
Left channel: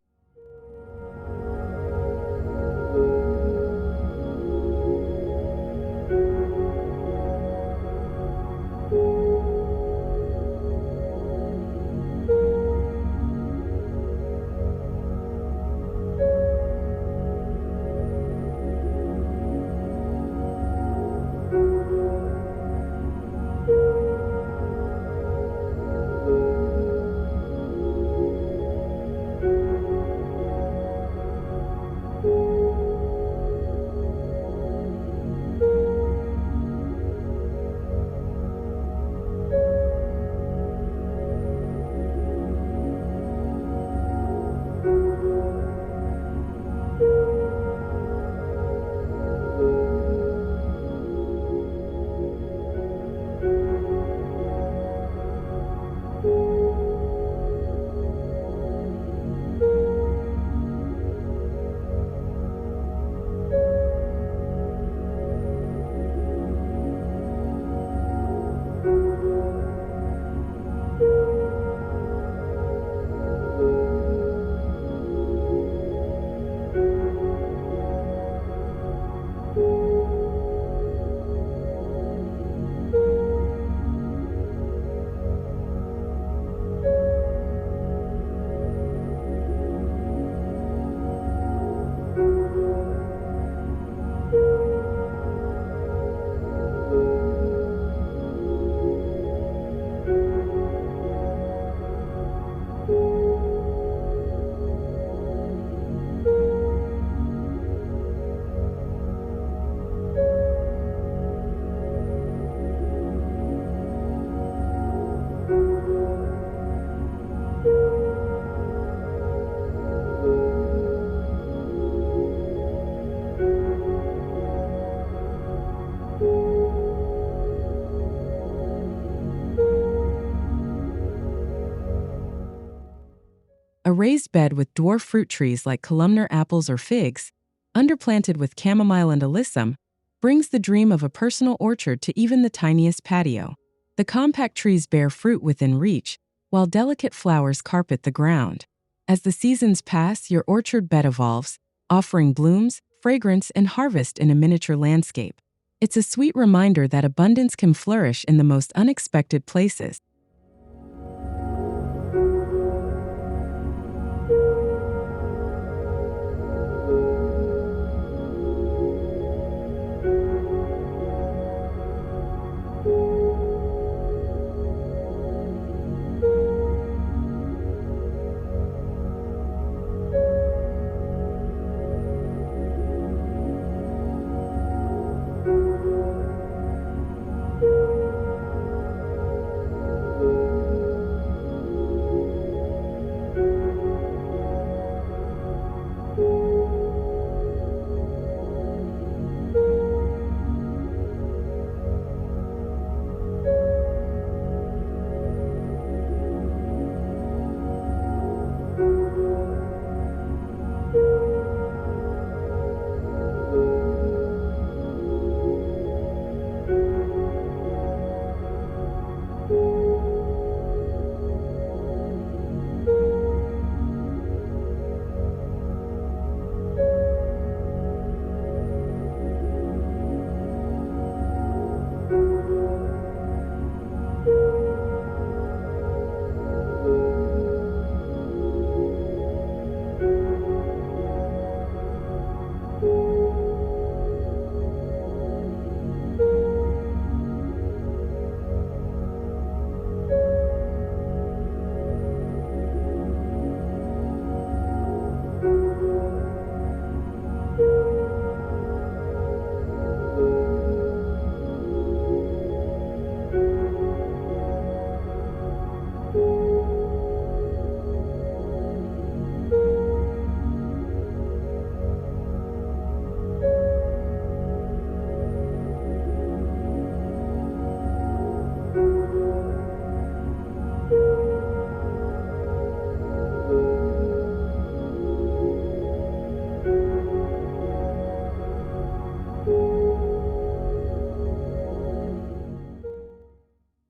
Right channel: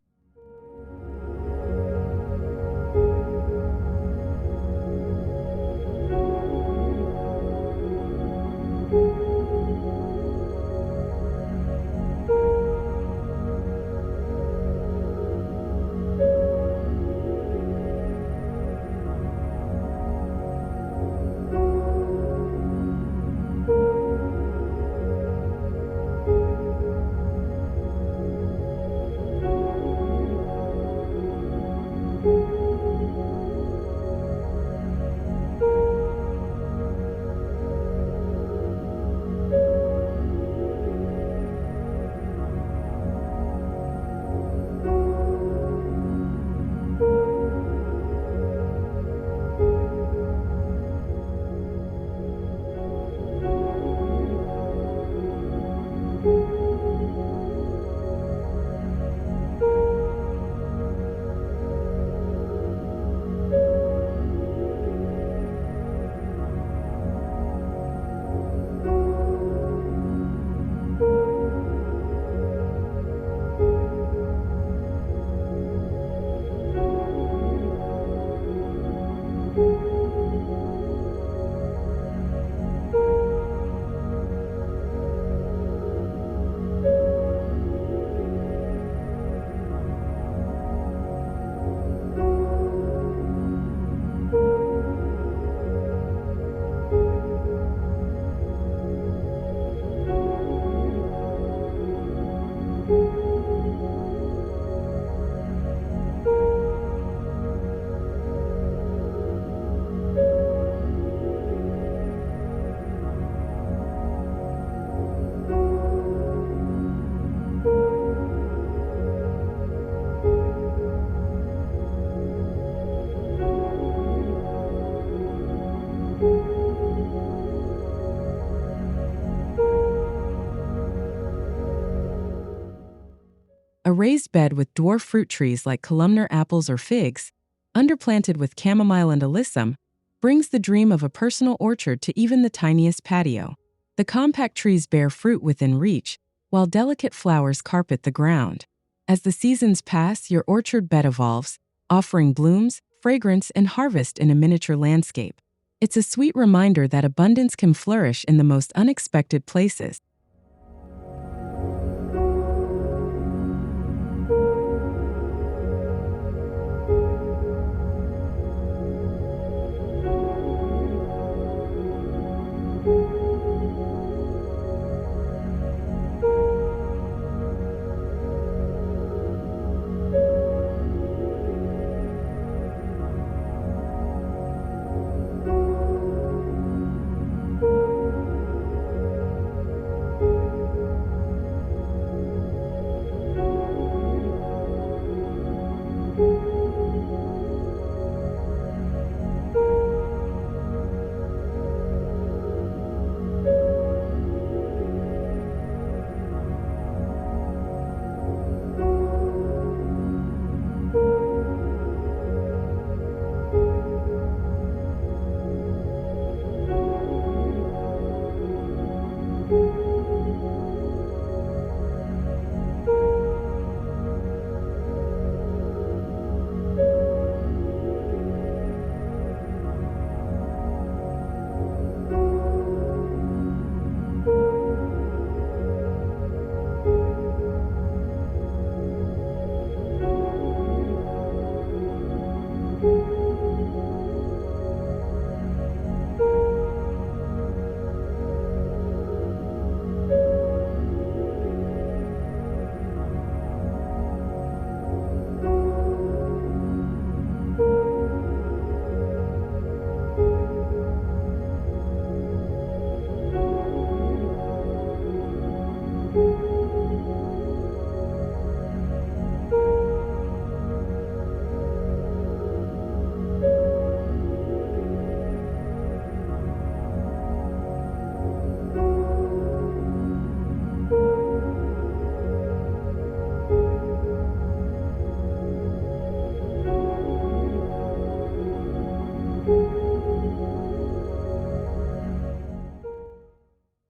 A raised bed with dwarf fruit trees like columnar apples or figs, underplanted with chamomile and alyssum, brings the dream of a personal orchard to even the tiniest patio. The compact trees bear fruit within reach, while delicate flowers carpet the ground. As the seasons pass, your orchard bed evolves, offering blooms, fragrance, and harvest in a miniature landscape. It's a sweet reminder that abundance can flourish in the most unexpected places.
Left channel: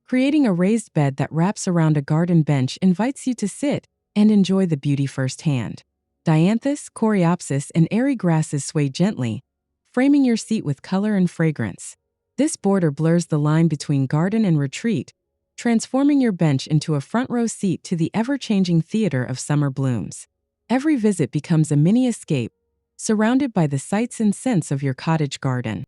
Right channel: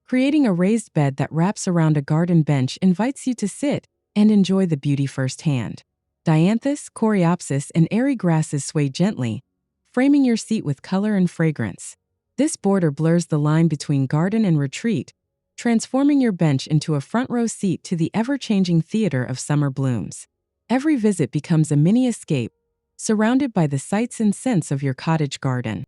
Creating a raised bed that wraps around a garden bench invites you to sit and enjoy the beauty firsthand. Dianthus, coreopsis, and airy grasses sway gently, framing your seat with color and fragrance. This border blurs the line between garden and retreat, transforming your bench into a front-row seat to the ever-changing theater of summer blooms. Every visit becomes a mini escape, surrounded by the sights and scents of your cottage garden.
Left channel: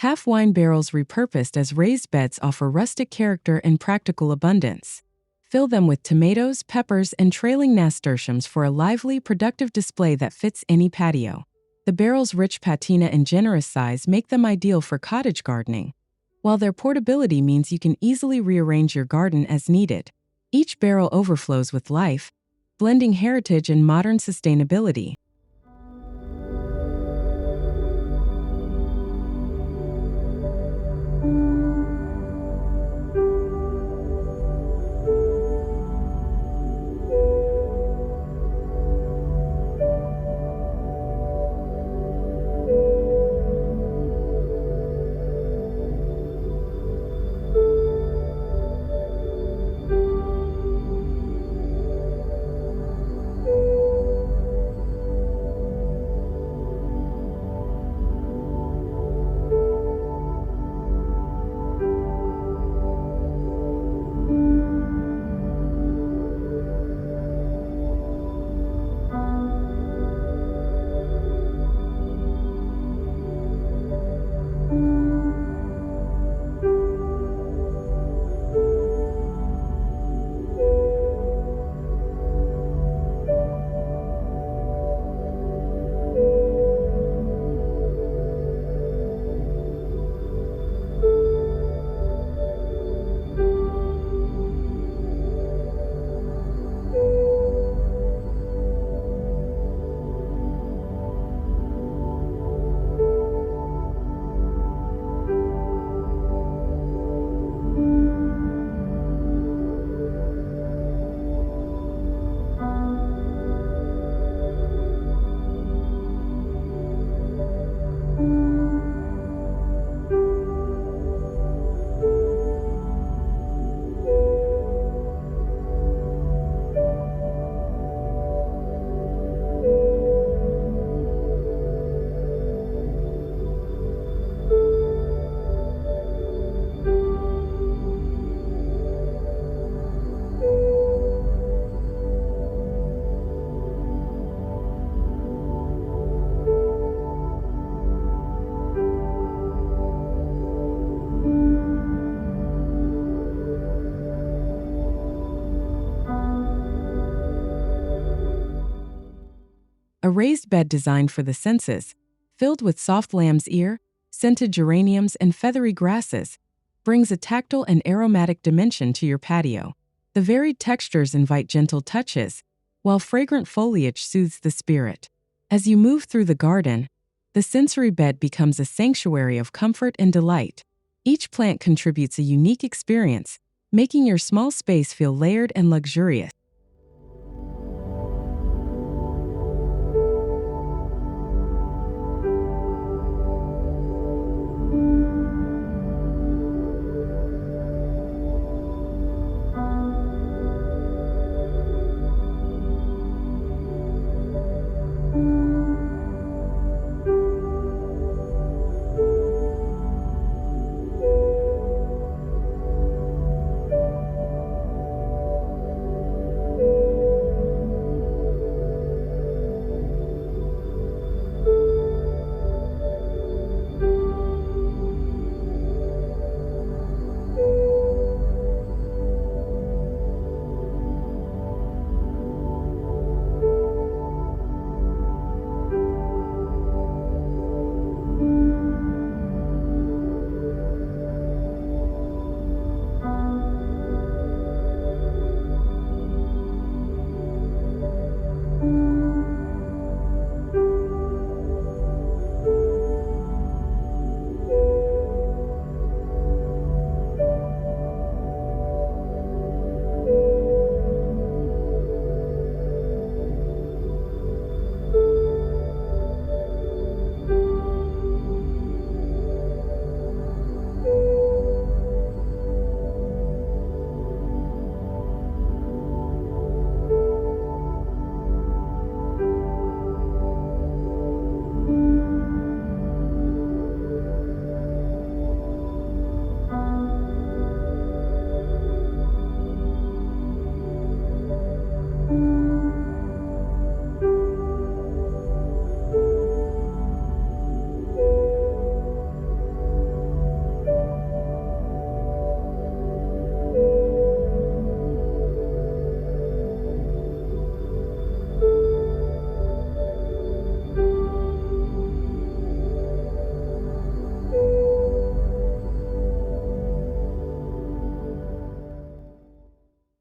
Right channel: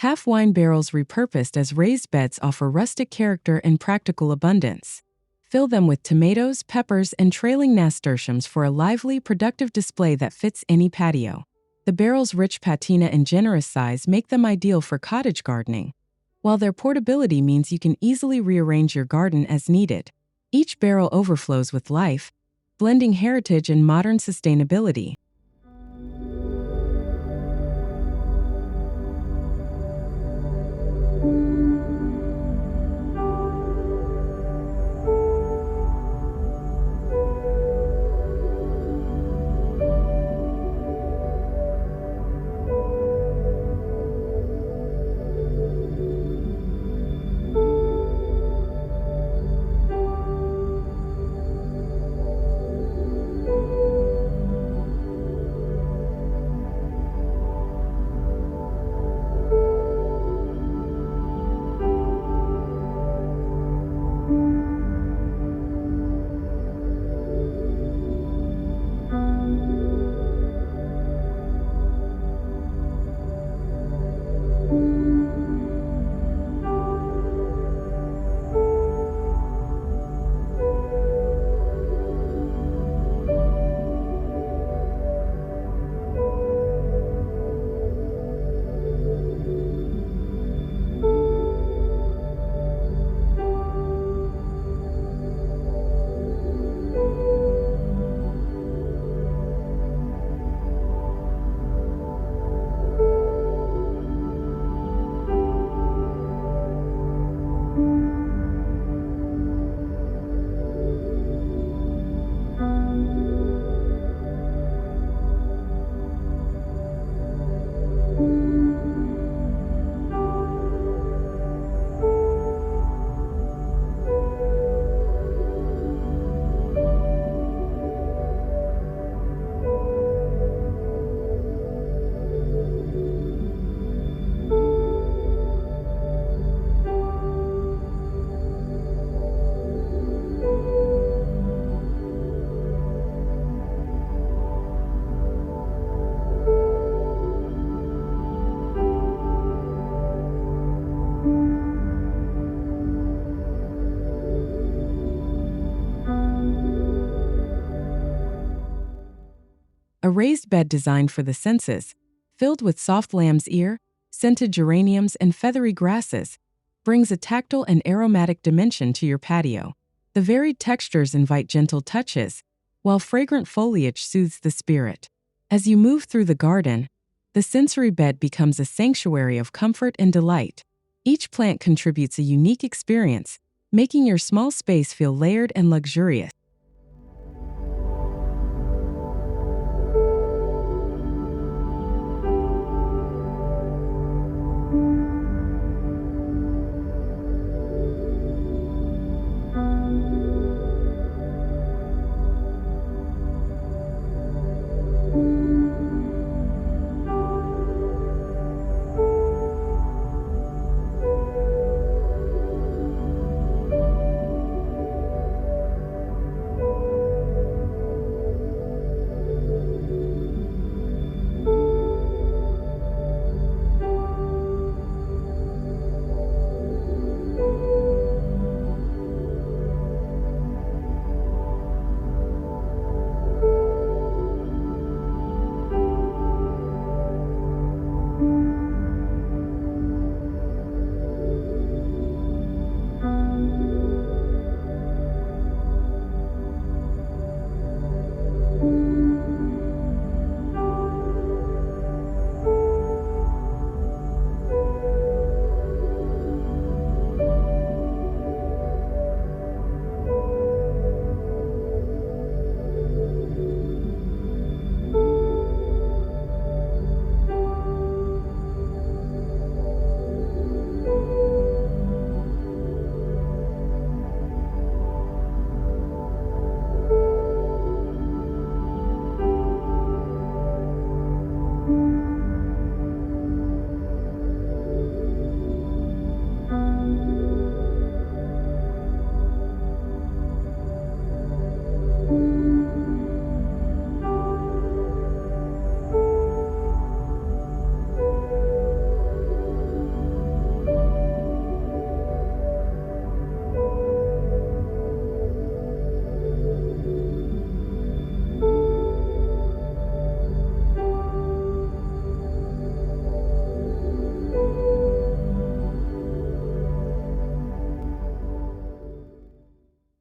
Half wine barrels repurposed as raised beds offer rustic character and practical abundance. Fill them with tomatoes, peppers, and trailing nasturtiums for a lively, productive display that fits any patio. The barrel's rich patina and generous size make them ideal for cottage gardening, while their portability means you can easily rearrange your garden as needed. Each barrel overflows with life, blending heritage and modern sustainability. A raised bed designed for the senses, filled with soft lamb's ear, scented geraniums, and feathery grasses, brings a tactile and aromatic dimension to your patio. The varied textures invite gentle touches, while fragrant foliage soothes the spirit. As you move through the garden, the sensory bed becomes a sanctuary of comfort and delight. Each plant contributes a unique experience, making your small space feel layered and luxurious.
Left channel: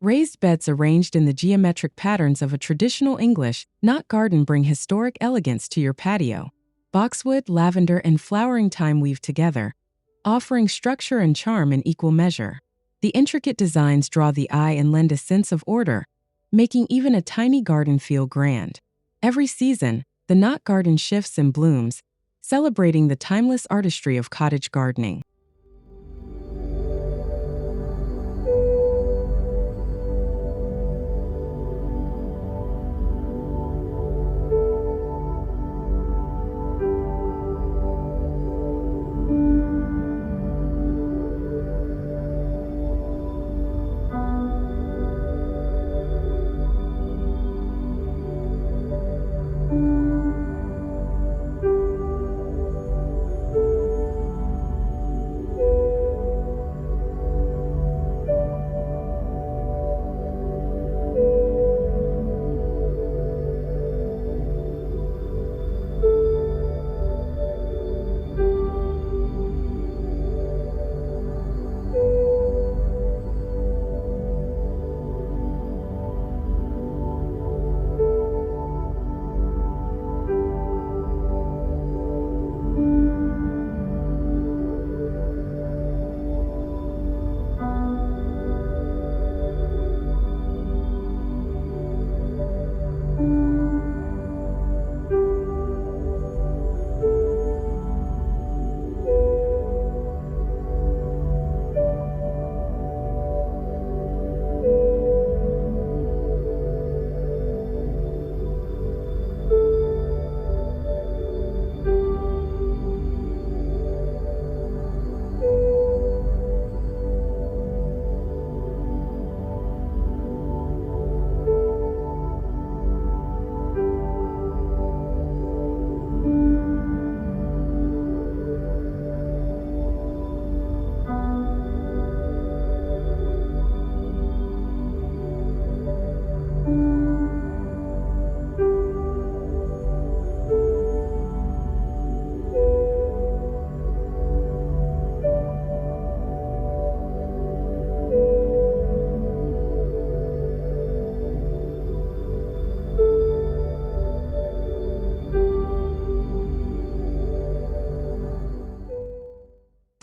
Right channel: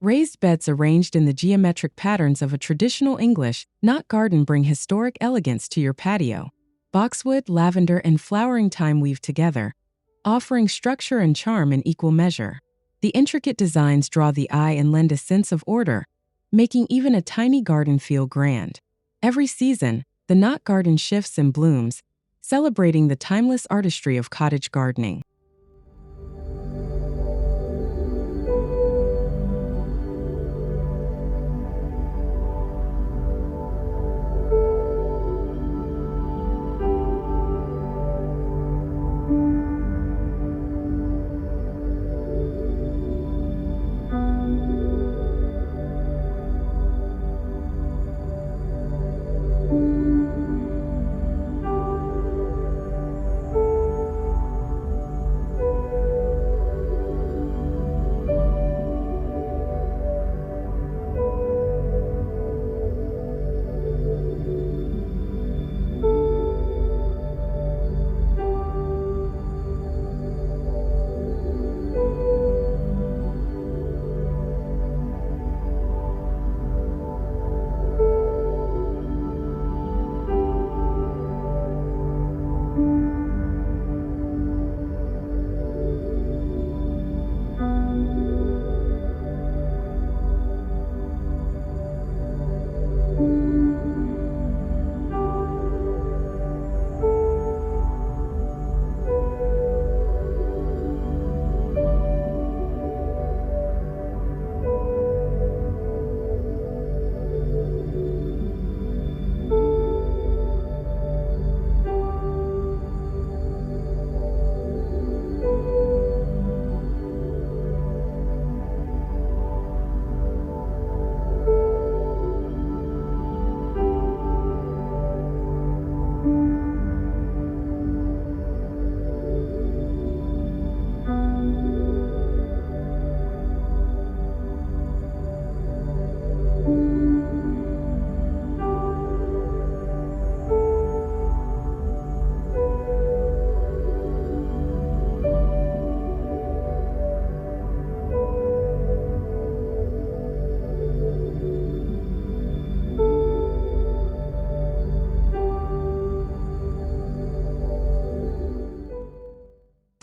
Raised beds arranged in the geometric patterns of a traditional English, not garden bring historic elegance to your patio. Boxwood, lavender, and flowering thyme weave together, offering structure and charm in equal measure. The intricate designs draw the eye and lend a sense of order, making even a tiny garden feel grand. Every season, the knot garden shifts and blooms, celebrating the timeless artistry of cottage gardening.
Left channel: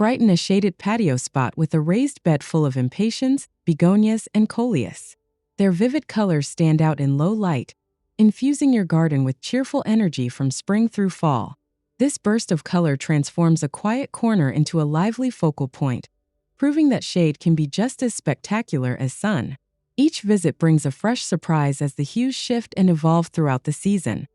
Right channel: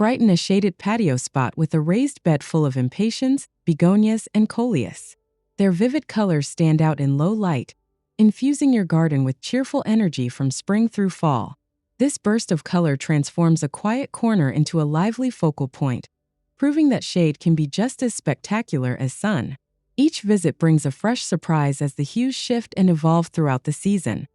Brighten a shaded patio spot with a raised bed full of impatiens, begonias, and coleus. Their vivid colors stand out in low light, infusing your garden with cheerful energy from spring through fall. This burst of color transforms a quiet corner into a lively focal point, proving that shade can be just as spectacular as sun. Each visit brings a fresh surprise as the hues shift and evolve throughout the season.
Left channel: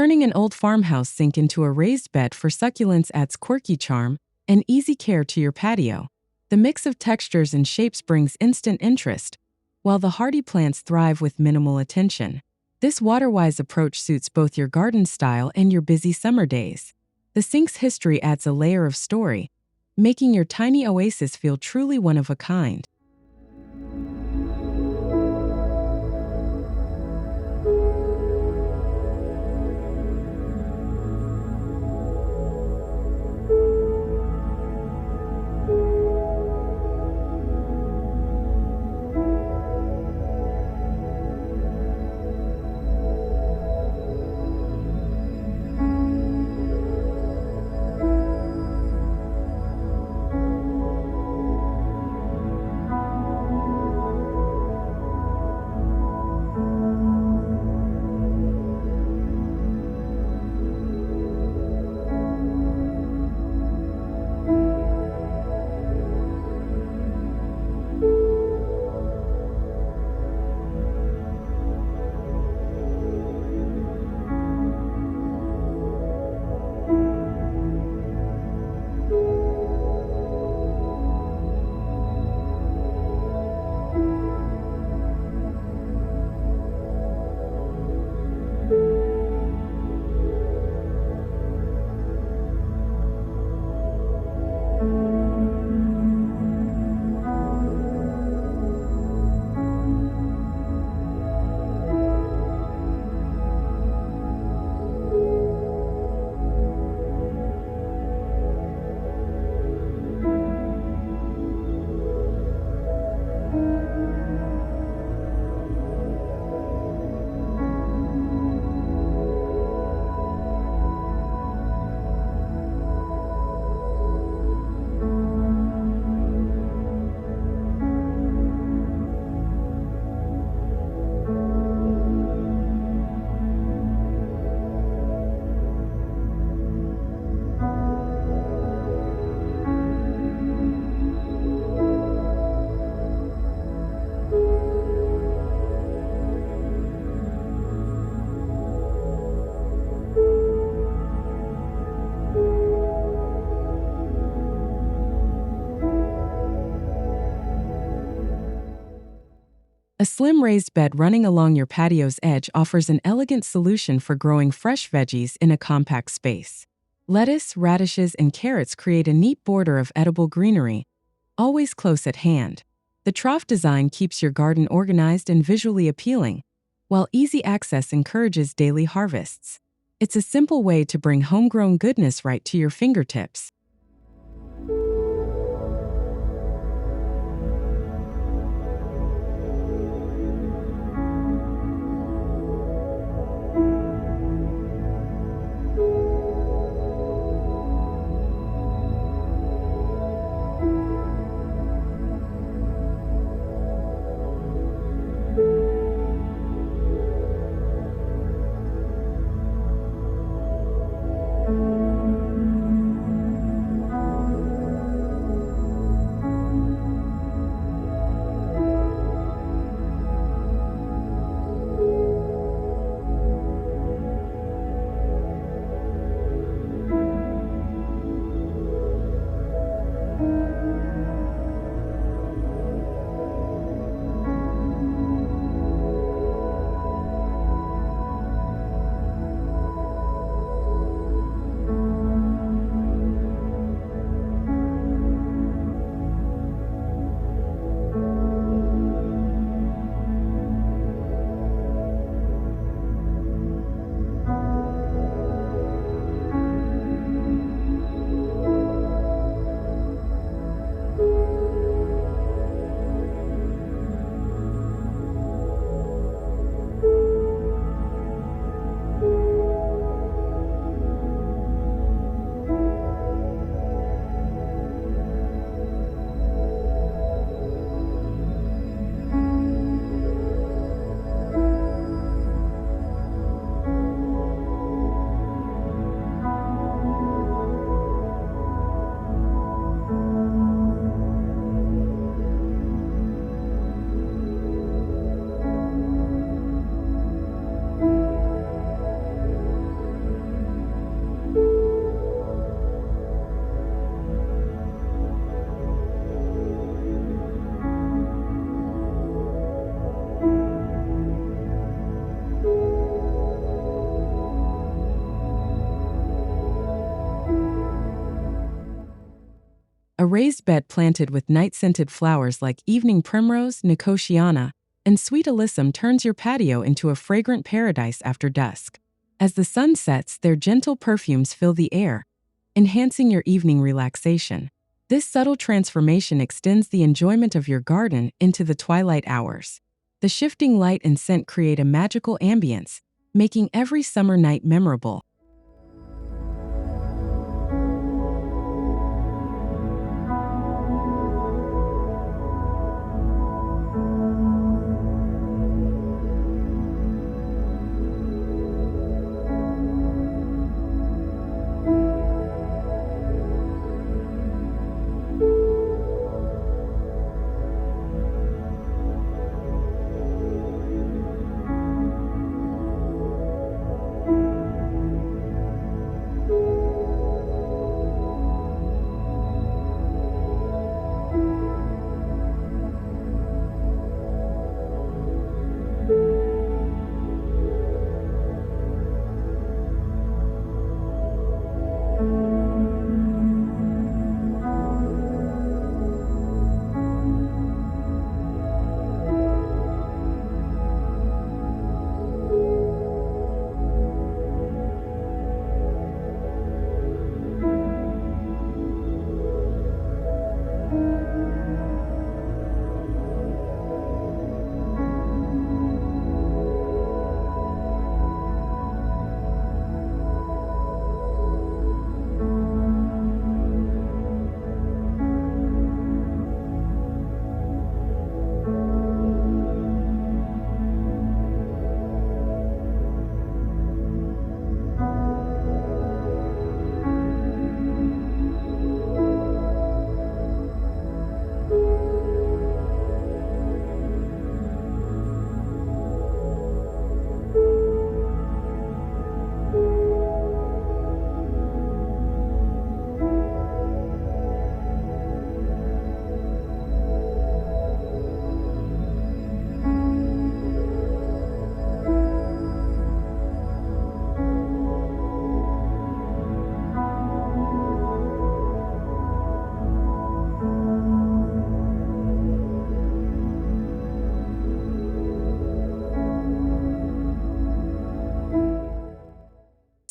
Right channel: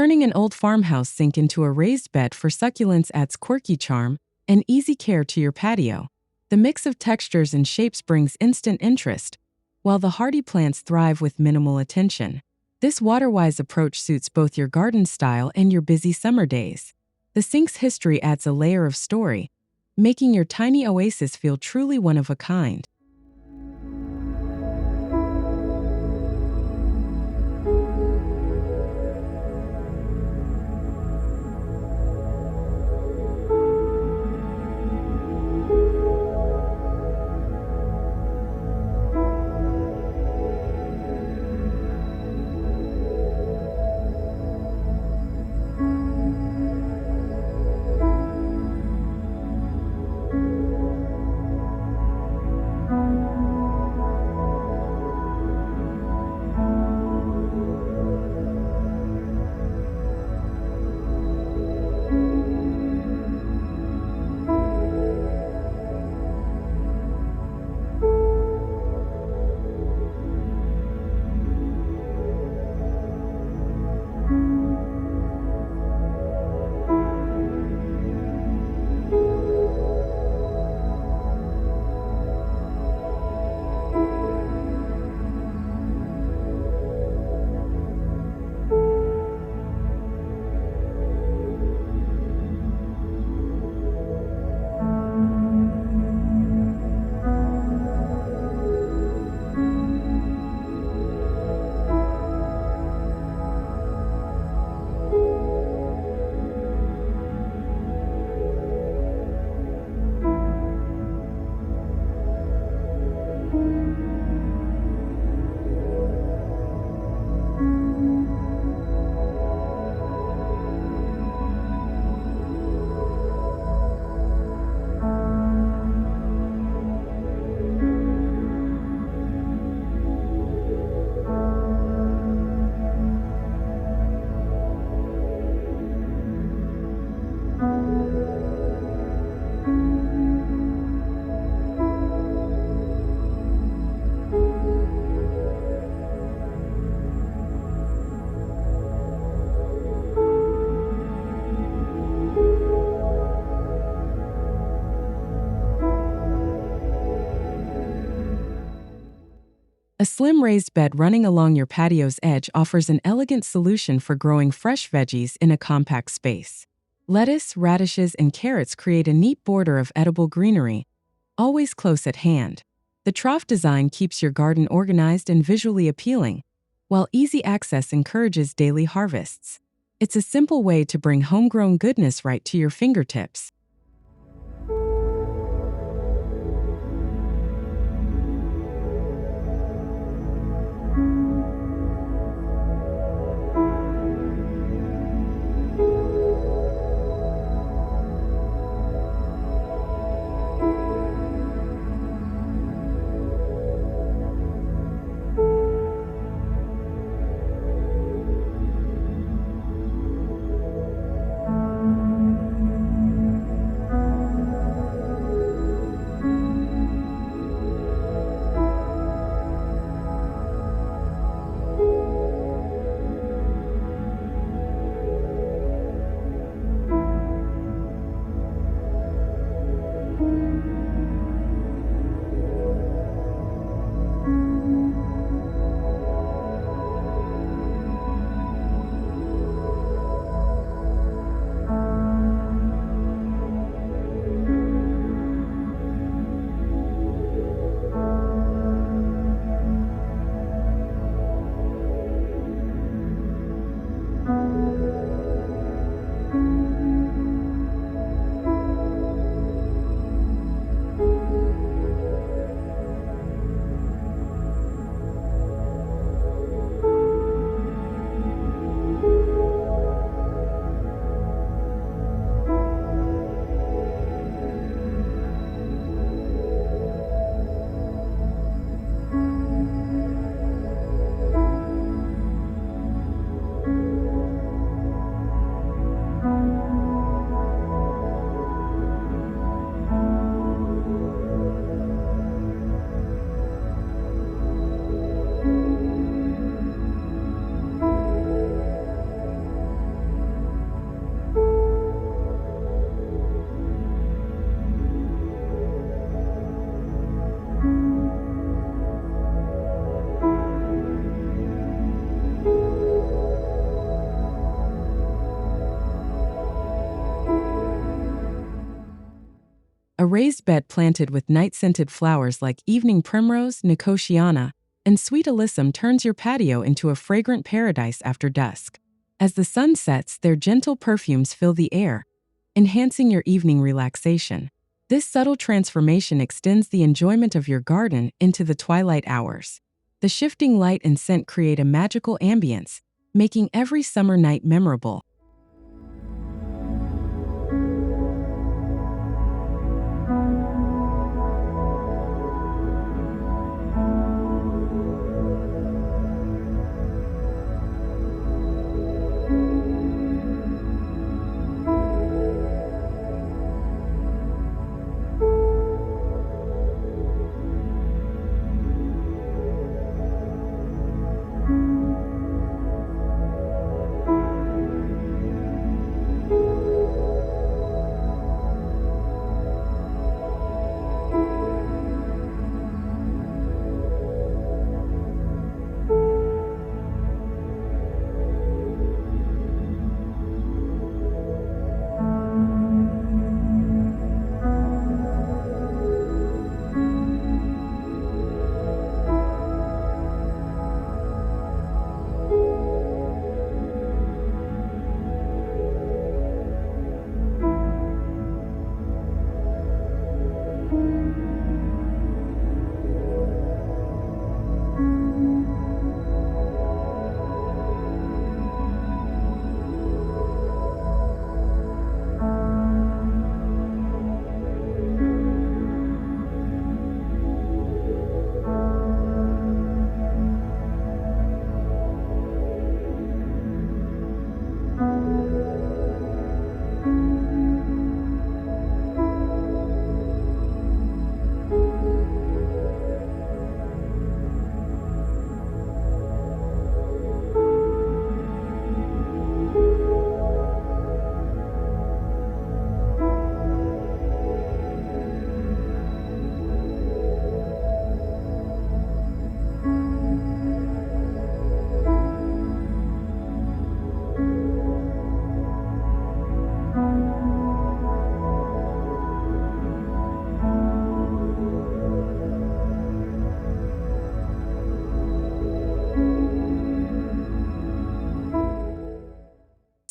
Turning an old farmhouse sink into a raised bed for succulents adds quirky charm and easy care to your patio. The mix of textures and shapes brings instant interest, while the hardy plants thrive with minimal attention. This water-wise approach suits both your garden style and your busy summer days. The sink's history adds a layer of story, making your tiny oasis feel truly one of a kind. A slim raised bed running along your patio's edge offers an elegant solution for growing fresh veggies in a compact space. Lettuce, radishes, and carrots create a neat border of edible greenery, always close at hand. The trough design keeps your garden organized and visually appealing, while easy access encourages daily harvests. It's a simple way to bring homegrown goodness right to your fingertips. a raised bed planted with night-scented flowers like evening primrose, nicotiana, and sweet alyssum turns your patio into a fragrant paradise after dusk. As the sun sets, their gentle perfumes fill the air, enhancing your evening relaxation. This subtle transformation extends the enjoyment of your garden into the twilight hours. The shifting light and scent create a magical ambience, making every summer night memorable.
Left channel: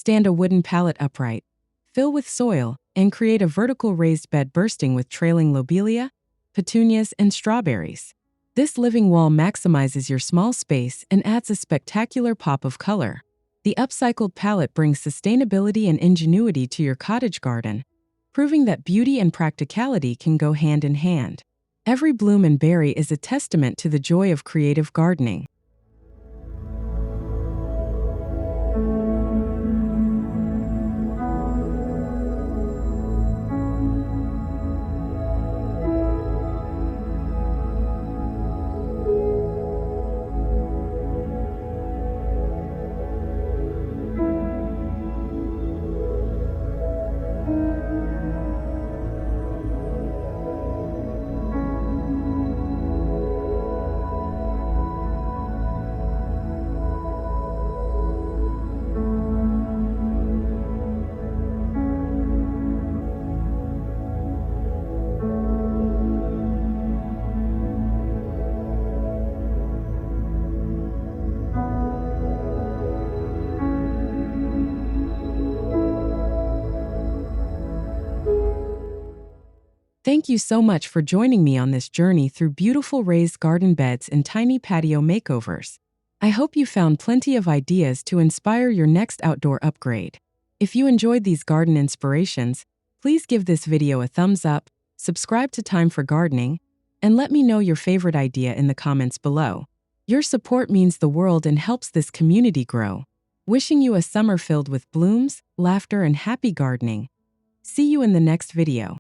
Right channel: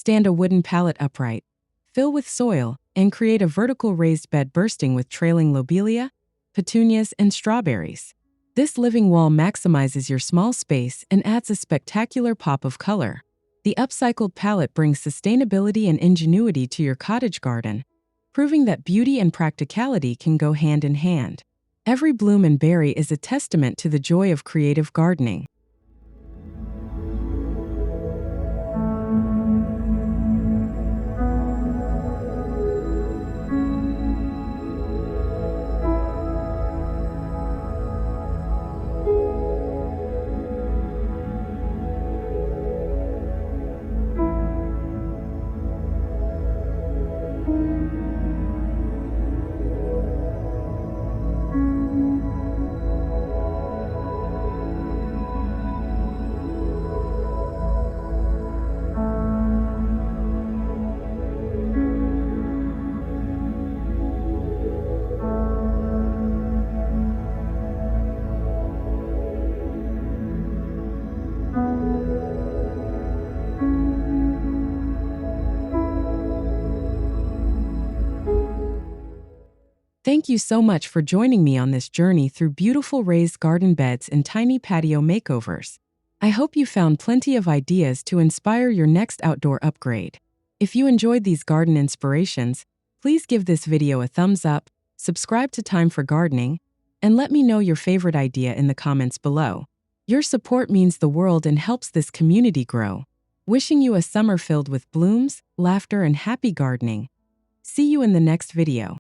Stand a wooden pallet upright, fill with soil, and create a vertical raised bed bursting with trailing lobelia, petunias, and strawberries. This living wall maximizes your small space and adds a spectacular pop of color. The upcycled pallet brings sustainability and ingenuity to your cottage garden, proving that beauty and practicality can go hand in hand. Every bloom and berry is a testament to the joy of creative gardening. Thank you so much for joining me on this journey through beautiful raised garden beds and tiny patio makeovers. I hope you found plenty of ideas to inspire your next outdoor upgrade. If you enjoyed these garden inspirations, please give this video a thumbs up, subscribe to Thyme for Gardening, and let me know your favorite idea in the comments below. Your support means the world and helps this community grow. Wishing you a summer filled with blooms, laughter, and happy gardening. See you in the next video.